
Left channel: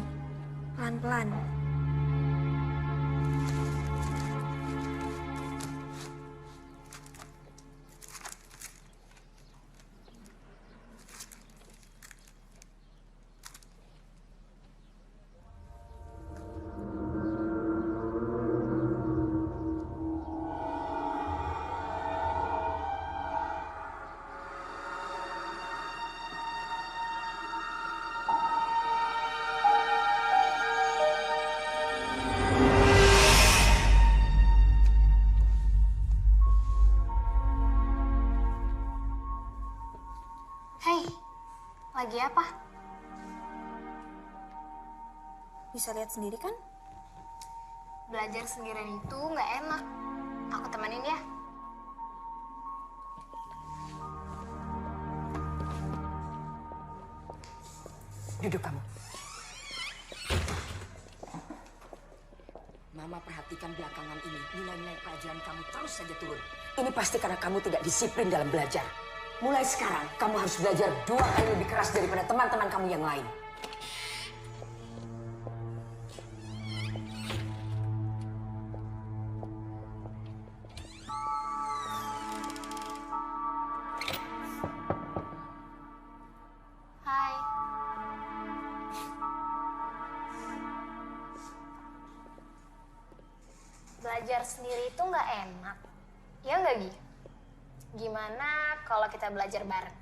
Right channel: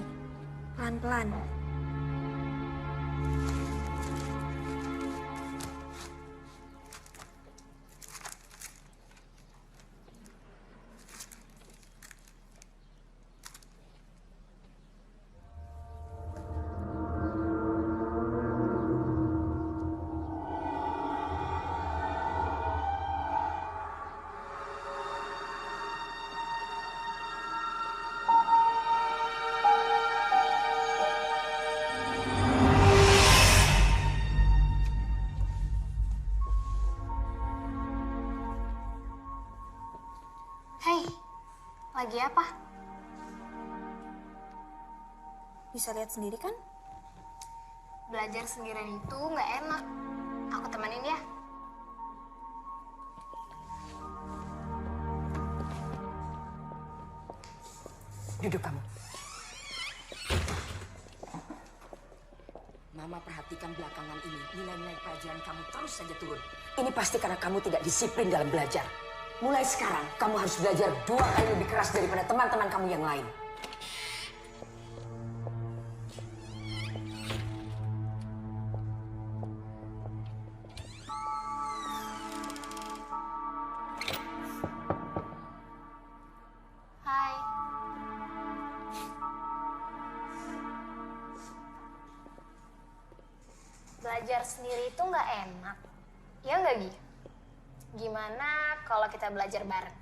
pelan-pelan. Hei, lagi apa? Bisa lihat sendiri kan? Belajar sendirian itu nggak enak. Aku temenin ya. Duduk kamu. Mama perhatikan belakangan ini, nilai-nilai pelajaran kamu terus saja turun. Ini pasti karena kamu tidak disiplin dalam belajar. Mulai sekarang, kamu harus belajar 2 kali lebih keras daripada teman-teman kamu yang lain. belajar sendiri itu nggak enak. Ya nggak, Gi? Gimana kalau kita belajar bareng?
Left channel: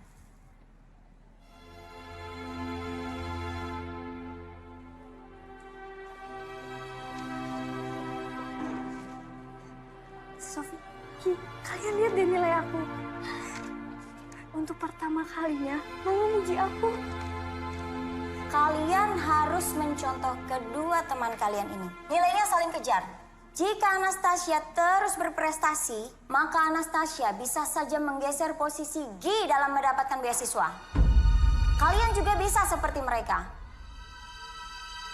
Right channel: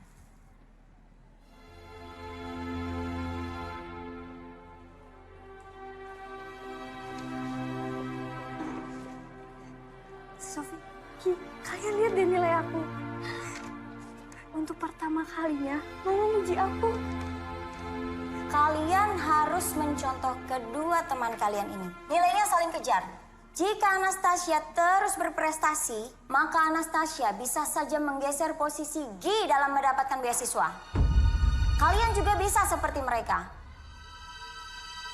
Sofi, Ki, kalian lihat deh nilai aku. Untuk pertama kalinya, Mama muji aku. Kalian harus mencontoh kedua teman kalian ini. Nilainya saling kejar. Jika Anastasia terus berprestasi, maka Anastasia bisa saja menggeser posisi Gi dalam mendapatkan beasiswa. Kalian juga bisa seperti mereka.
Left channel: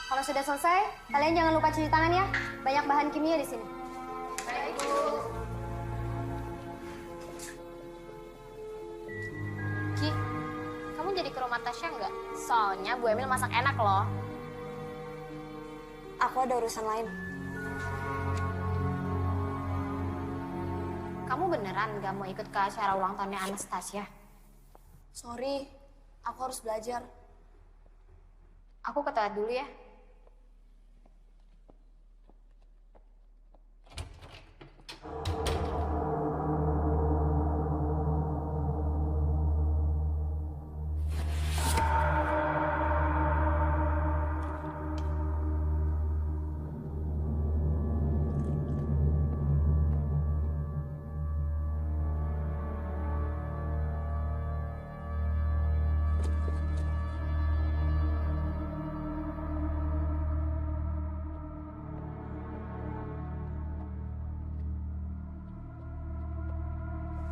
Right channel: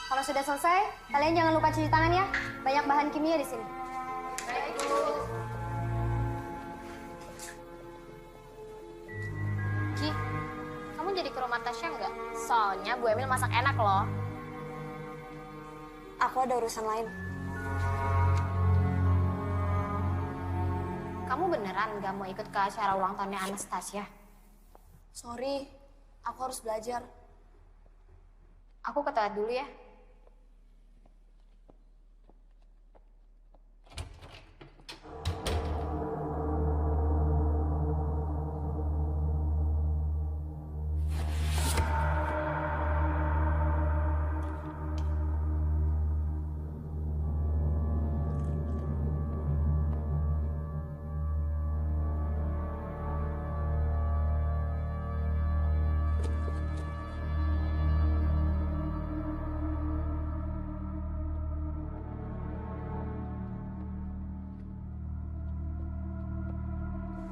Kalau sudah selesai, kalian jangan lupa cuci tangan ya. Banyak bahan kimia di sini. Baik, Bu. Gi, kamu jadi ke rumah Tasya nggak? Soalnya Bu Emil masak enak loh. Aku ada urusan lain. Kamu beneran nggak mau ikut ke acara ulang tahunnya Anastasia? Sorry, aku harus belajar. Aku ke toilet dulu ya.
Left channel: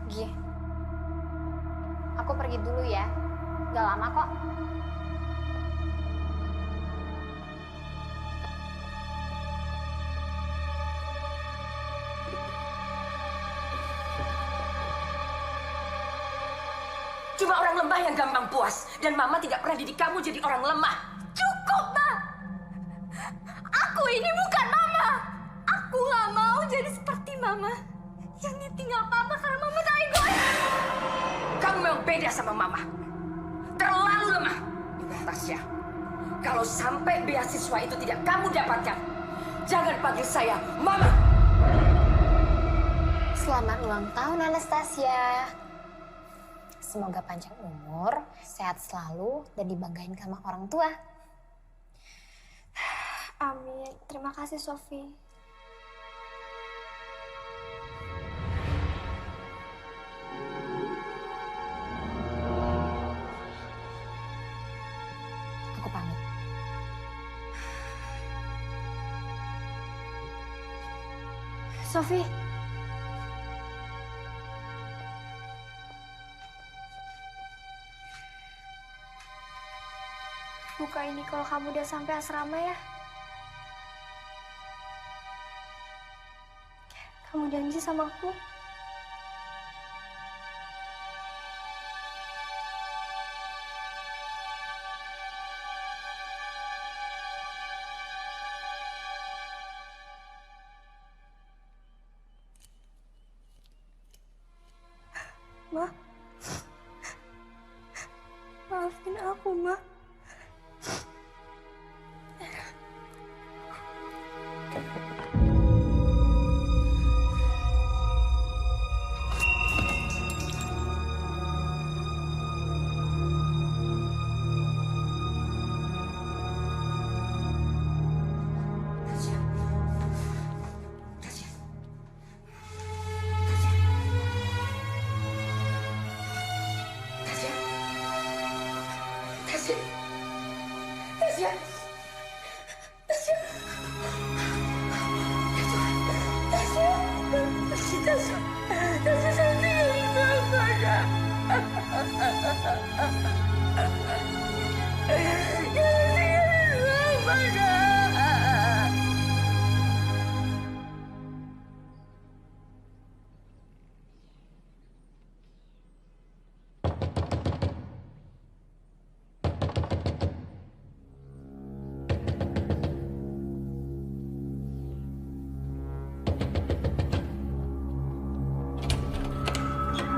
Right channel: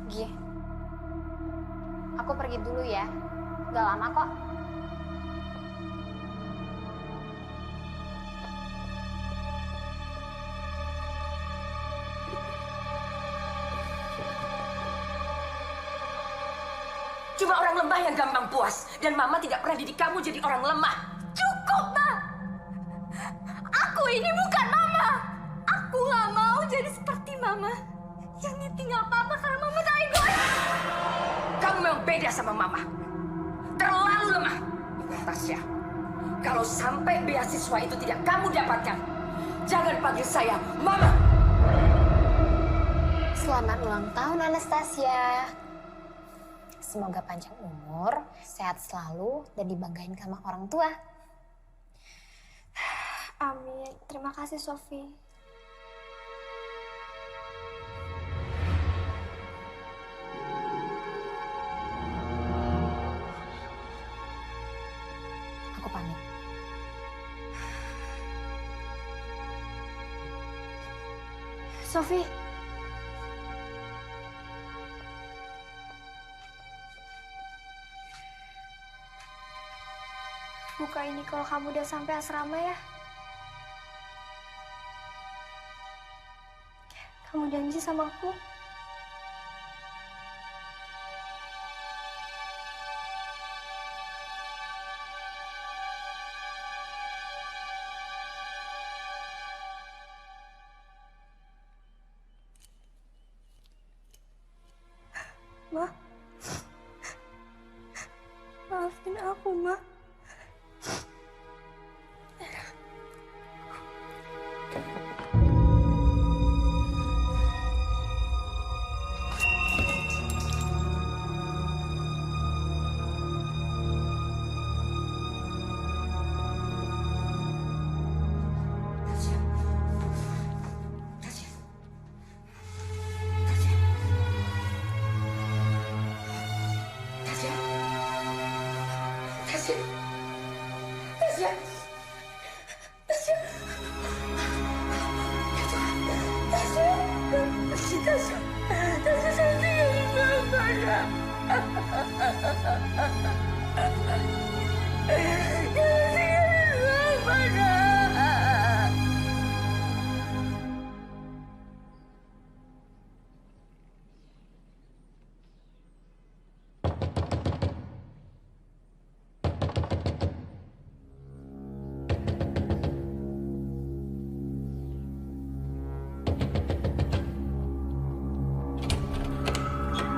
Gi, aku pergi dulu ya. Gak lama kok. Cuma orang lemah yang gampang puas. Dan Mama tidak pernah didik kamu jadi orang lemah. Cukup, Ma! Aku ini bukan Mama! Aku gak mau jadi seperti Mama. Yang ditinggal Papa karena Mama tak egois. Kamu memang beda sama Mama. Terlalu lemah. Ingat, Tasya. Kalau sampai beasiswa itu tidak kamu dapatkan, jangan panggil saya Mama. Selamat ulang tahun, Anastasia. Semoga panjang umur, sehat selalu, dan dibanggain sama orang tua. Amin. Terima kasih, Sofi. Aku pamit. Sofi. Buka ini kalau kamu udah sampai asrama ya. Kamu janji sama aku? Ma, maafin aku, Ma.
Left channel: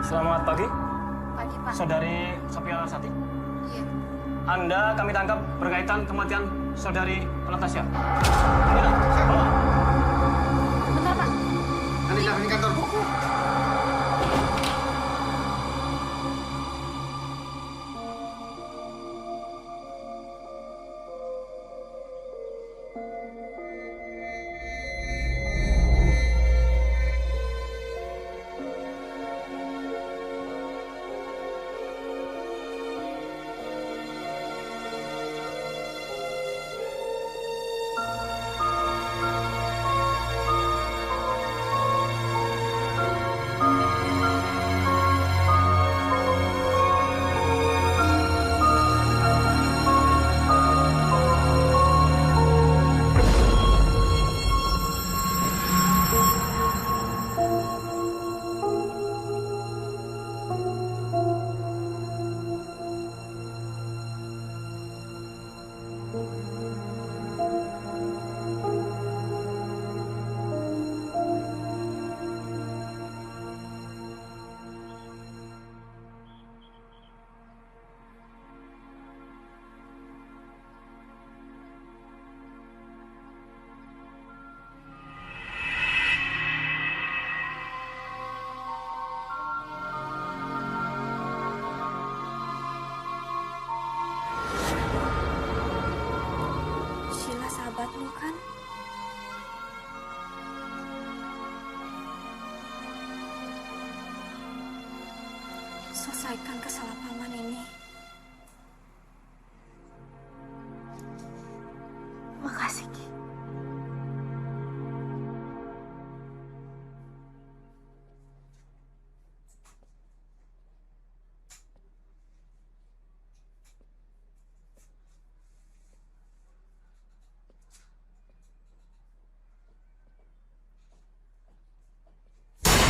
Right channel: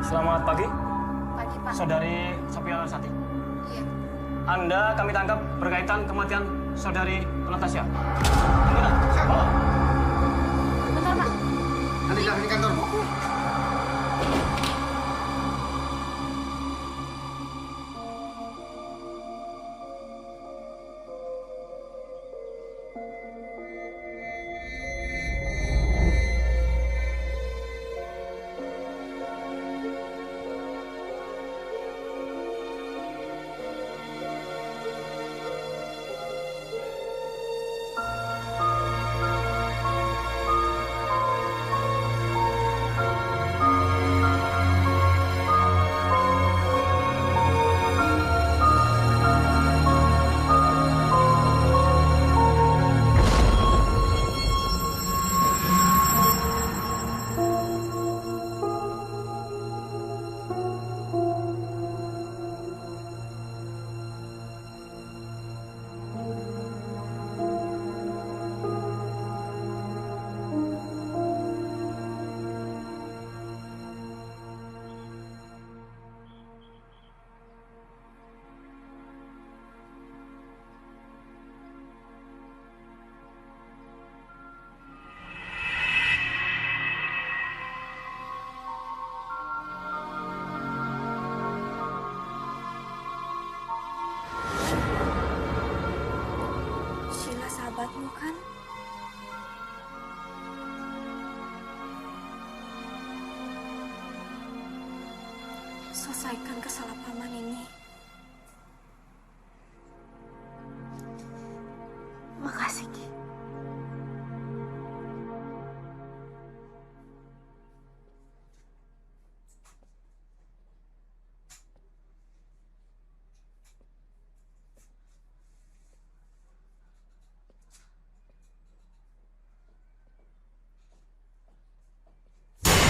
Selamat pagi. Pagi, Pak. Saudari Sophia Larsati. Iya. Anda kami tangkap berkaitan kematian saudari Anastasia. Anggota, bawa. Bentar, Pak. Nanti jangan di kantor. Sheila sahabatmu kan? Selesaikan kesalahpahaman ini. Makasih, Ki.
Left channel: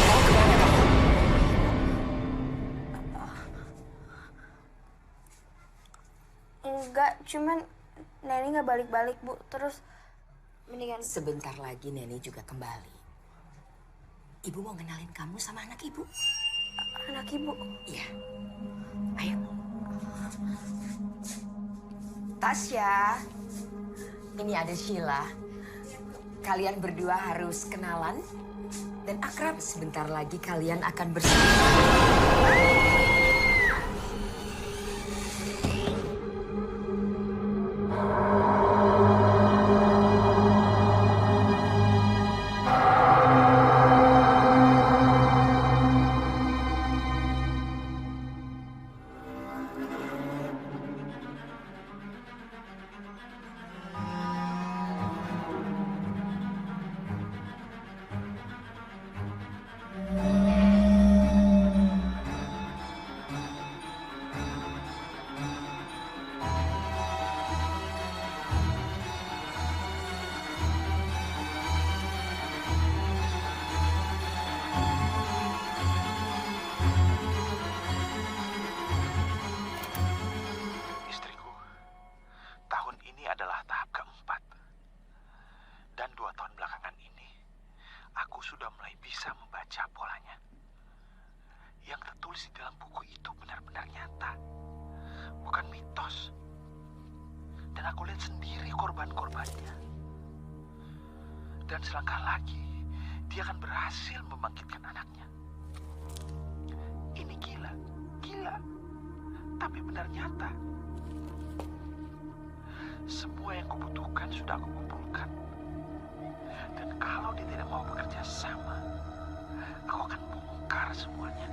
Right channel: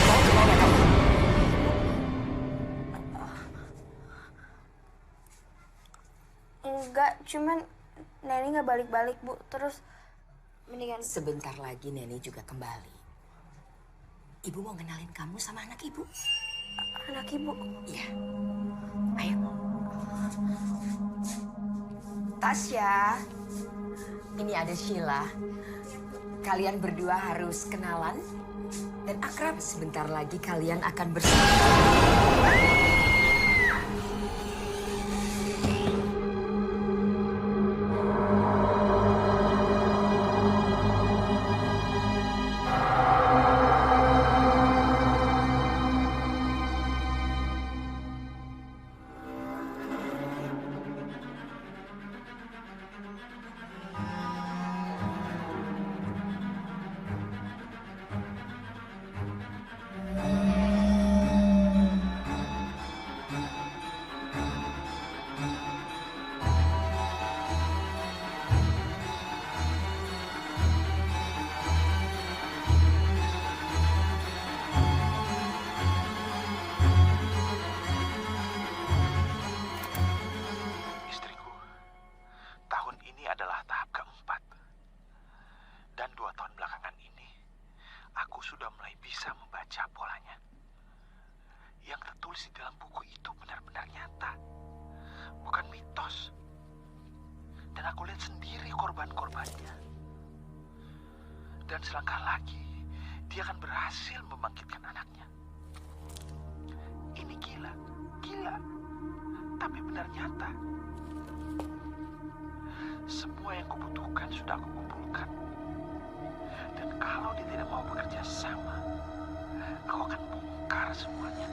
Mau kemana kamu? Enggak, cuman Neni nggak balik-balik, Bu. Terus mendingan... Sebentar lagi Neni juga kembali. Ibu mau kenalin kamu sama anak ibu. Anak ibu? Iya. Ayo. Tasya. Ini ada Sheila. Kalian berdua harus kenalan dan akrab. Sebentar lagi kalian akan bersama. Istriku, tahun ini adalah tahap keempat. Dan 2 tahun belakangan ini, aku sudah mulai bisa membaca polanya. Yang tertulis di dalam buku itu benar-benar nyata, bukan mitos. Dan aku lihat sendiri korban-korbannya. Dan selangkah lagi, dia akan berhasil membangkitkan anaknya. Ini gila, tapi benar nyata. Semua yang kubutuhkan sudah aku kumpulkan. Dan kalau dia tidak mau bekerja sama, aku akan bongkar semuanya.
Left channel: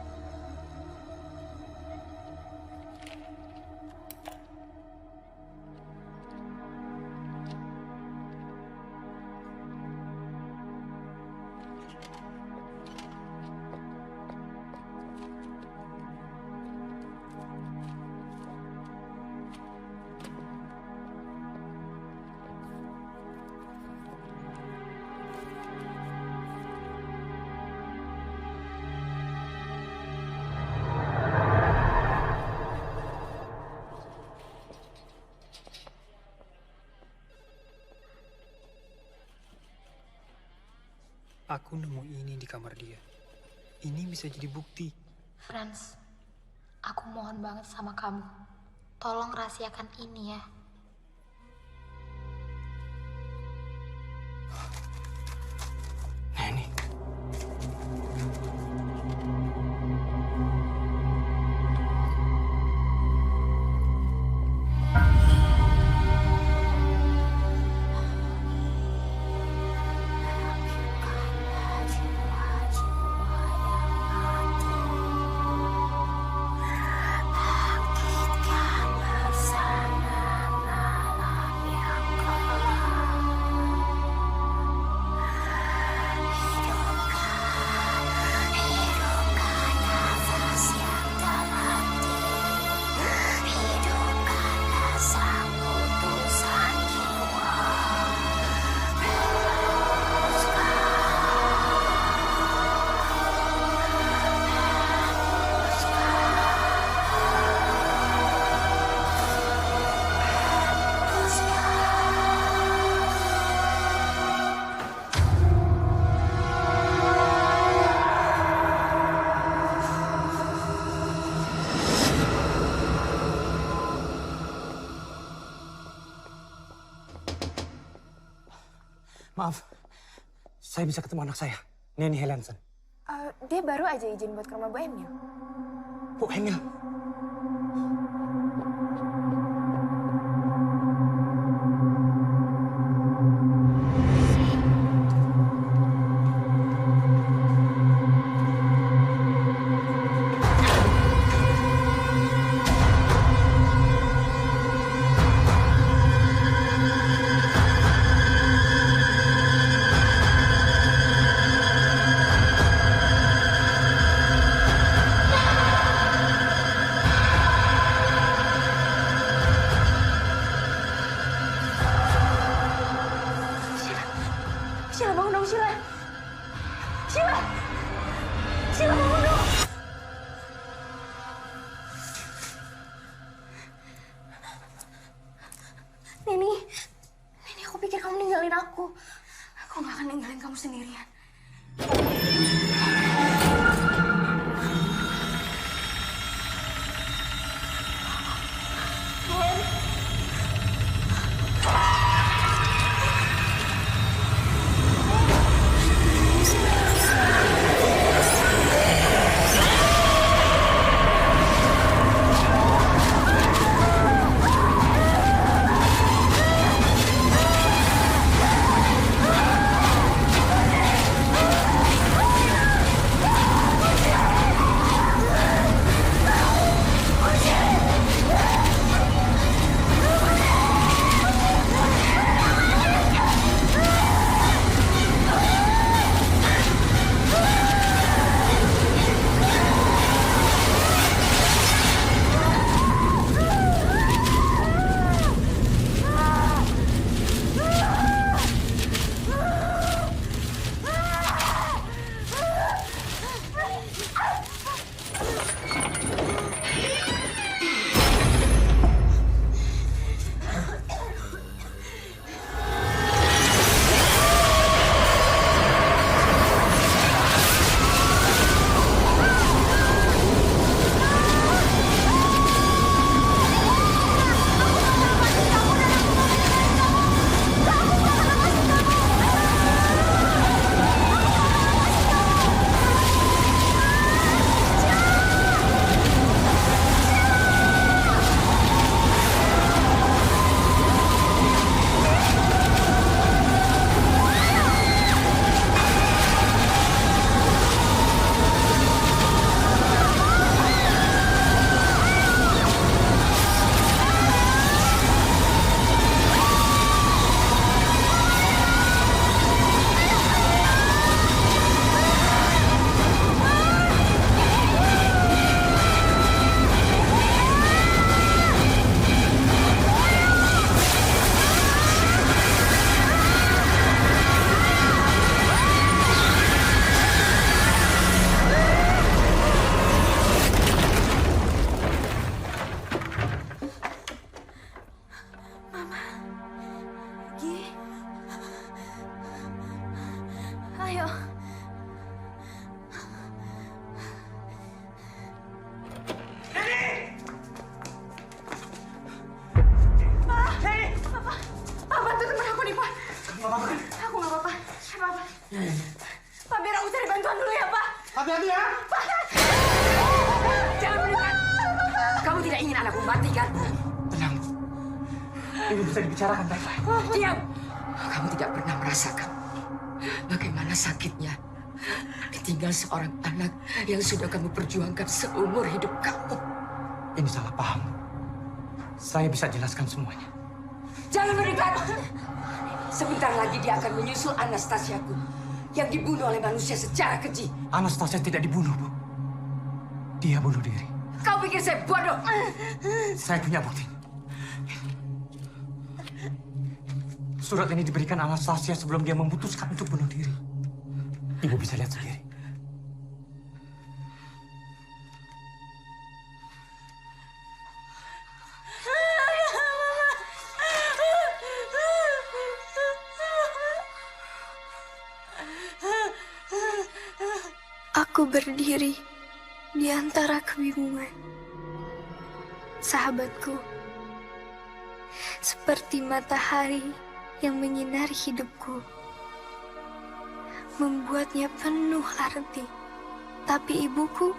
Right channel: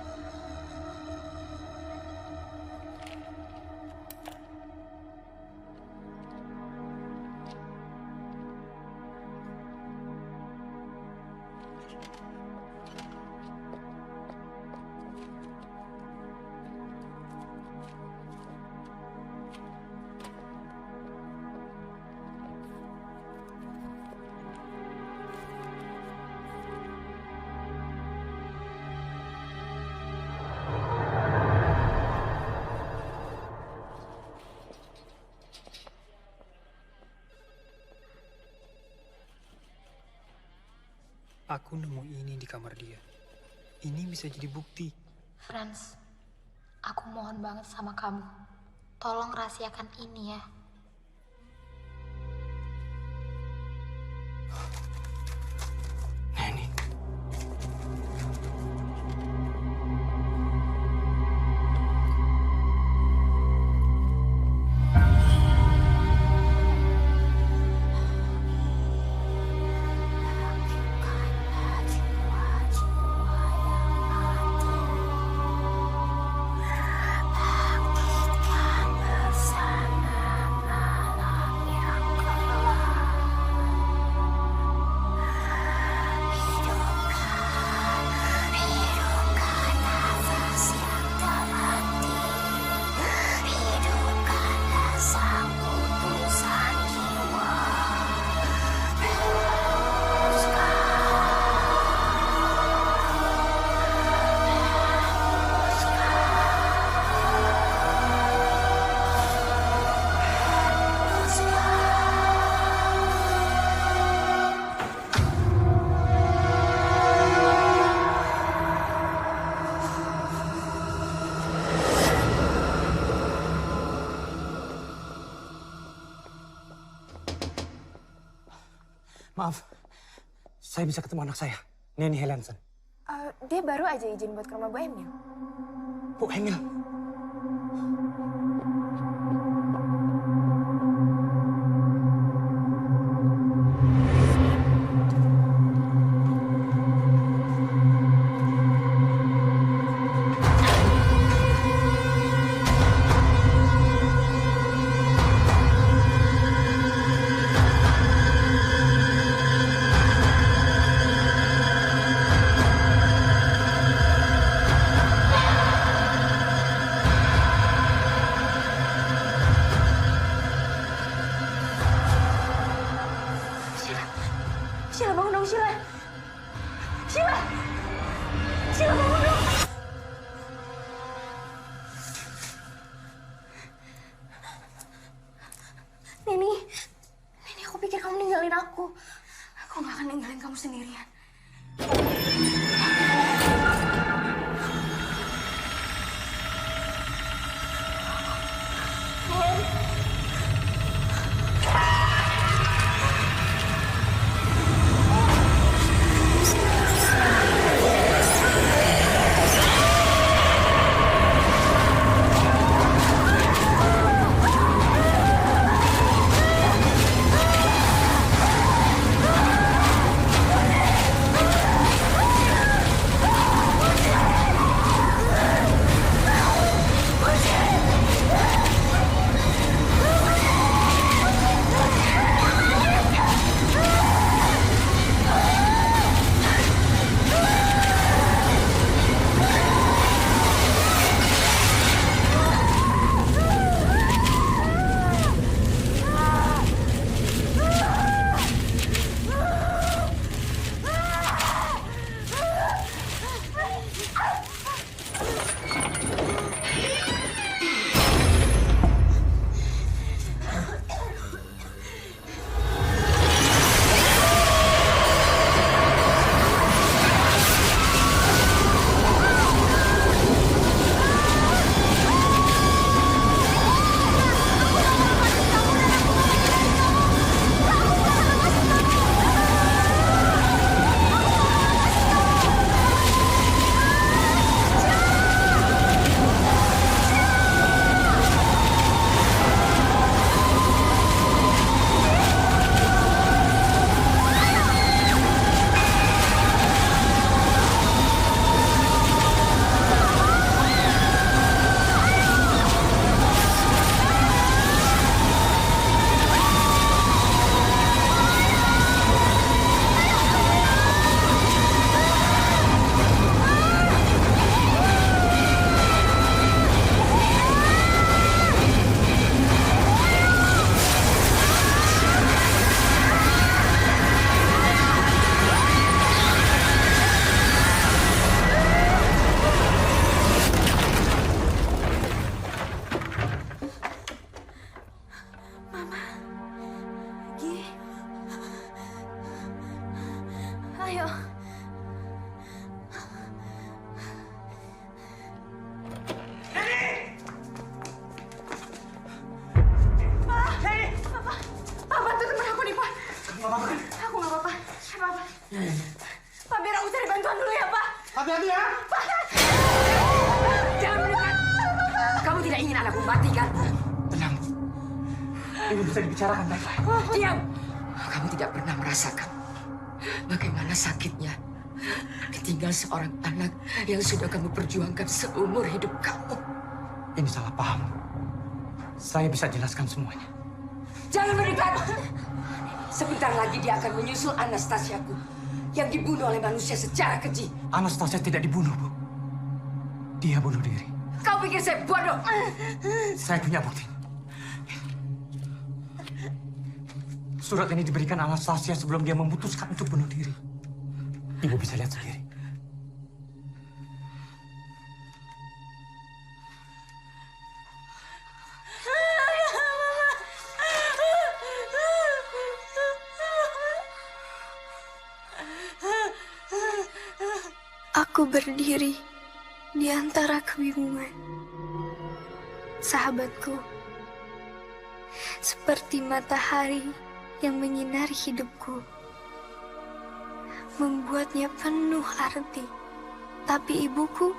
Aku nemu ini di kamar dia. Ini bisa jadi bukti. Franz, aku mohon banget sama kamu. Tolong rahasiakan ini ya. Neni, Maaf, saya bisa ketemu anak saya, Neni Helenson. Dia baru aja izin buat ke rumah Bu Emil. Bu Emil? Sheila bangun dong, Sheila. Sheila! Sheila bangun dong. Neni, aku pikir kamu ninggalin aku. Aku gak akan ninggalin kamu sendirian. Ayo. Pak, bantu teman aku nih, Pak. Kamu gak apa-apa kan? Aku gak apa-apa. Apa-apa. Pak, biar aku cari bantuan dulu ya, Pak. Hati-hati ya. Pak. Jangan mendekat. Kamu tidak ingin anakku mati kan? Tenang, Bu. Ini bisa dibicarakan baik-baik. Diam. Kamu tidak pernah merasakan bagaimana sakitnya ditinggal seorang anak yang sudah kamu perjuangkan seumur hidup kamu. Ini salah paham, Bu. Saya bisa jelaskan semuanya. Jangan mendekat. Sebentar lagi dia akan menyusul Anastasiaku yang dibunuh oleh manusia secara keji. Anastasia tidak dibunuh, Bu. Dia bunuh diri. Kau pikir saya bodoh? Saya punya bukti. Surat ini diberikan Anastasia sebelum dia memutuskan untuk bunuh diri. Ibu bisa lihat sendiri. Aku berdiri di antara kebingungan. Sahabatku, seperti matahari yang menyinari hidupku, membuatnya penuh arti. Tapi ibuku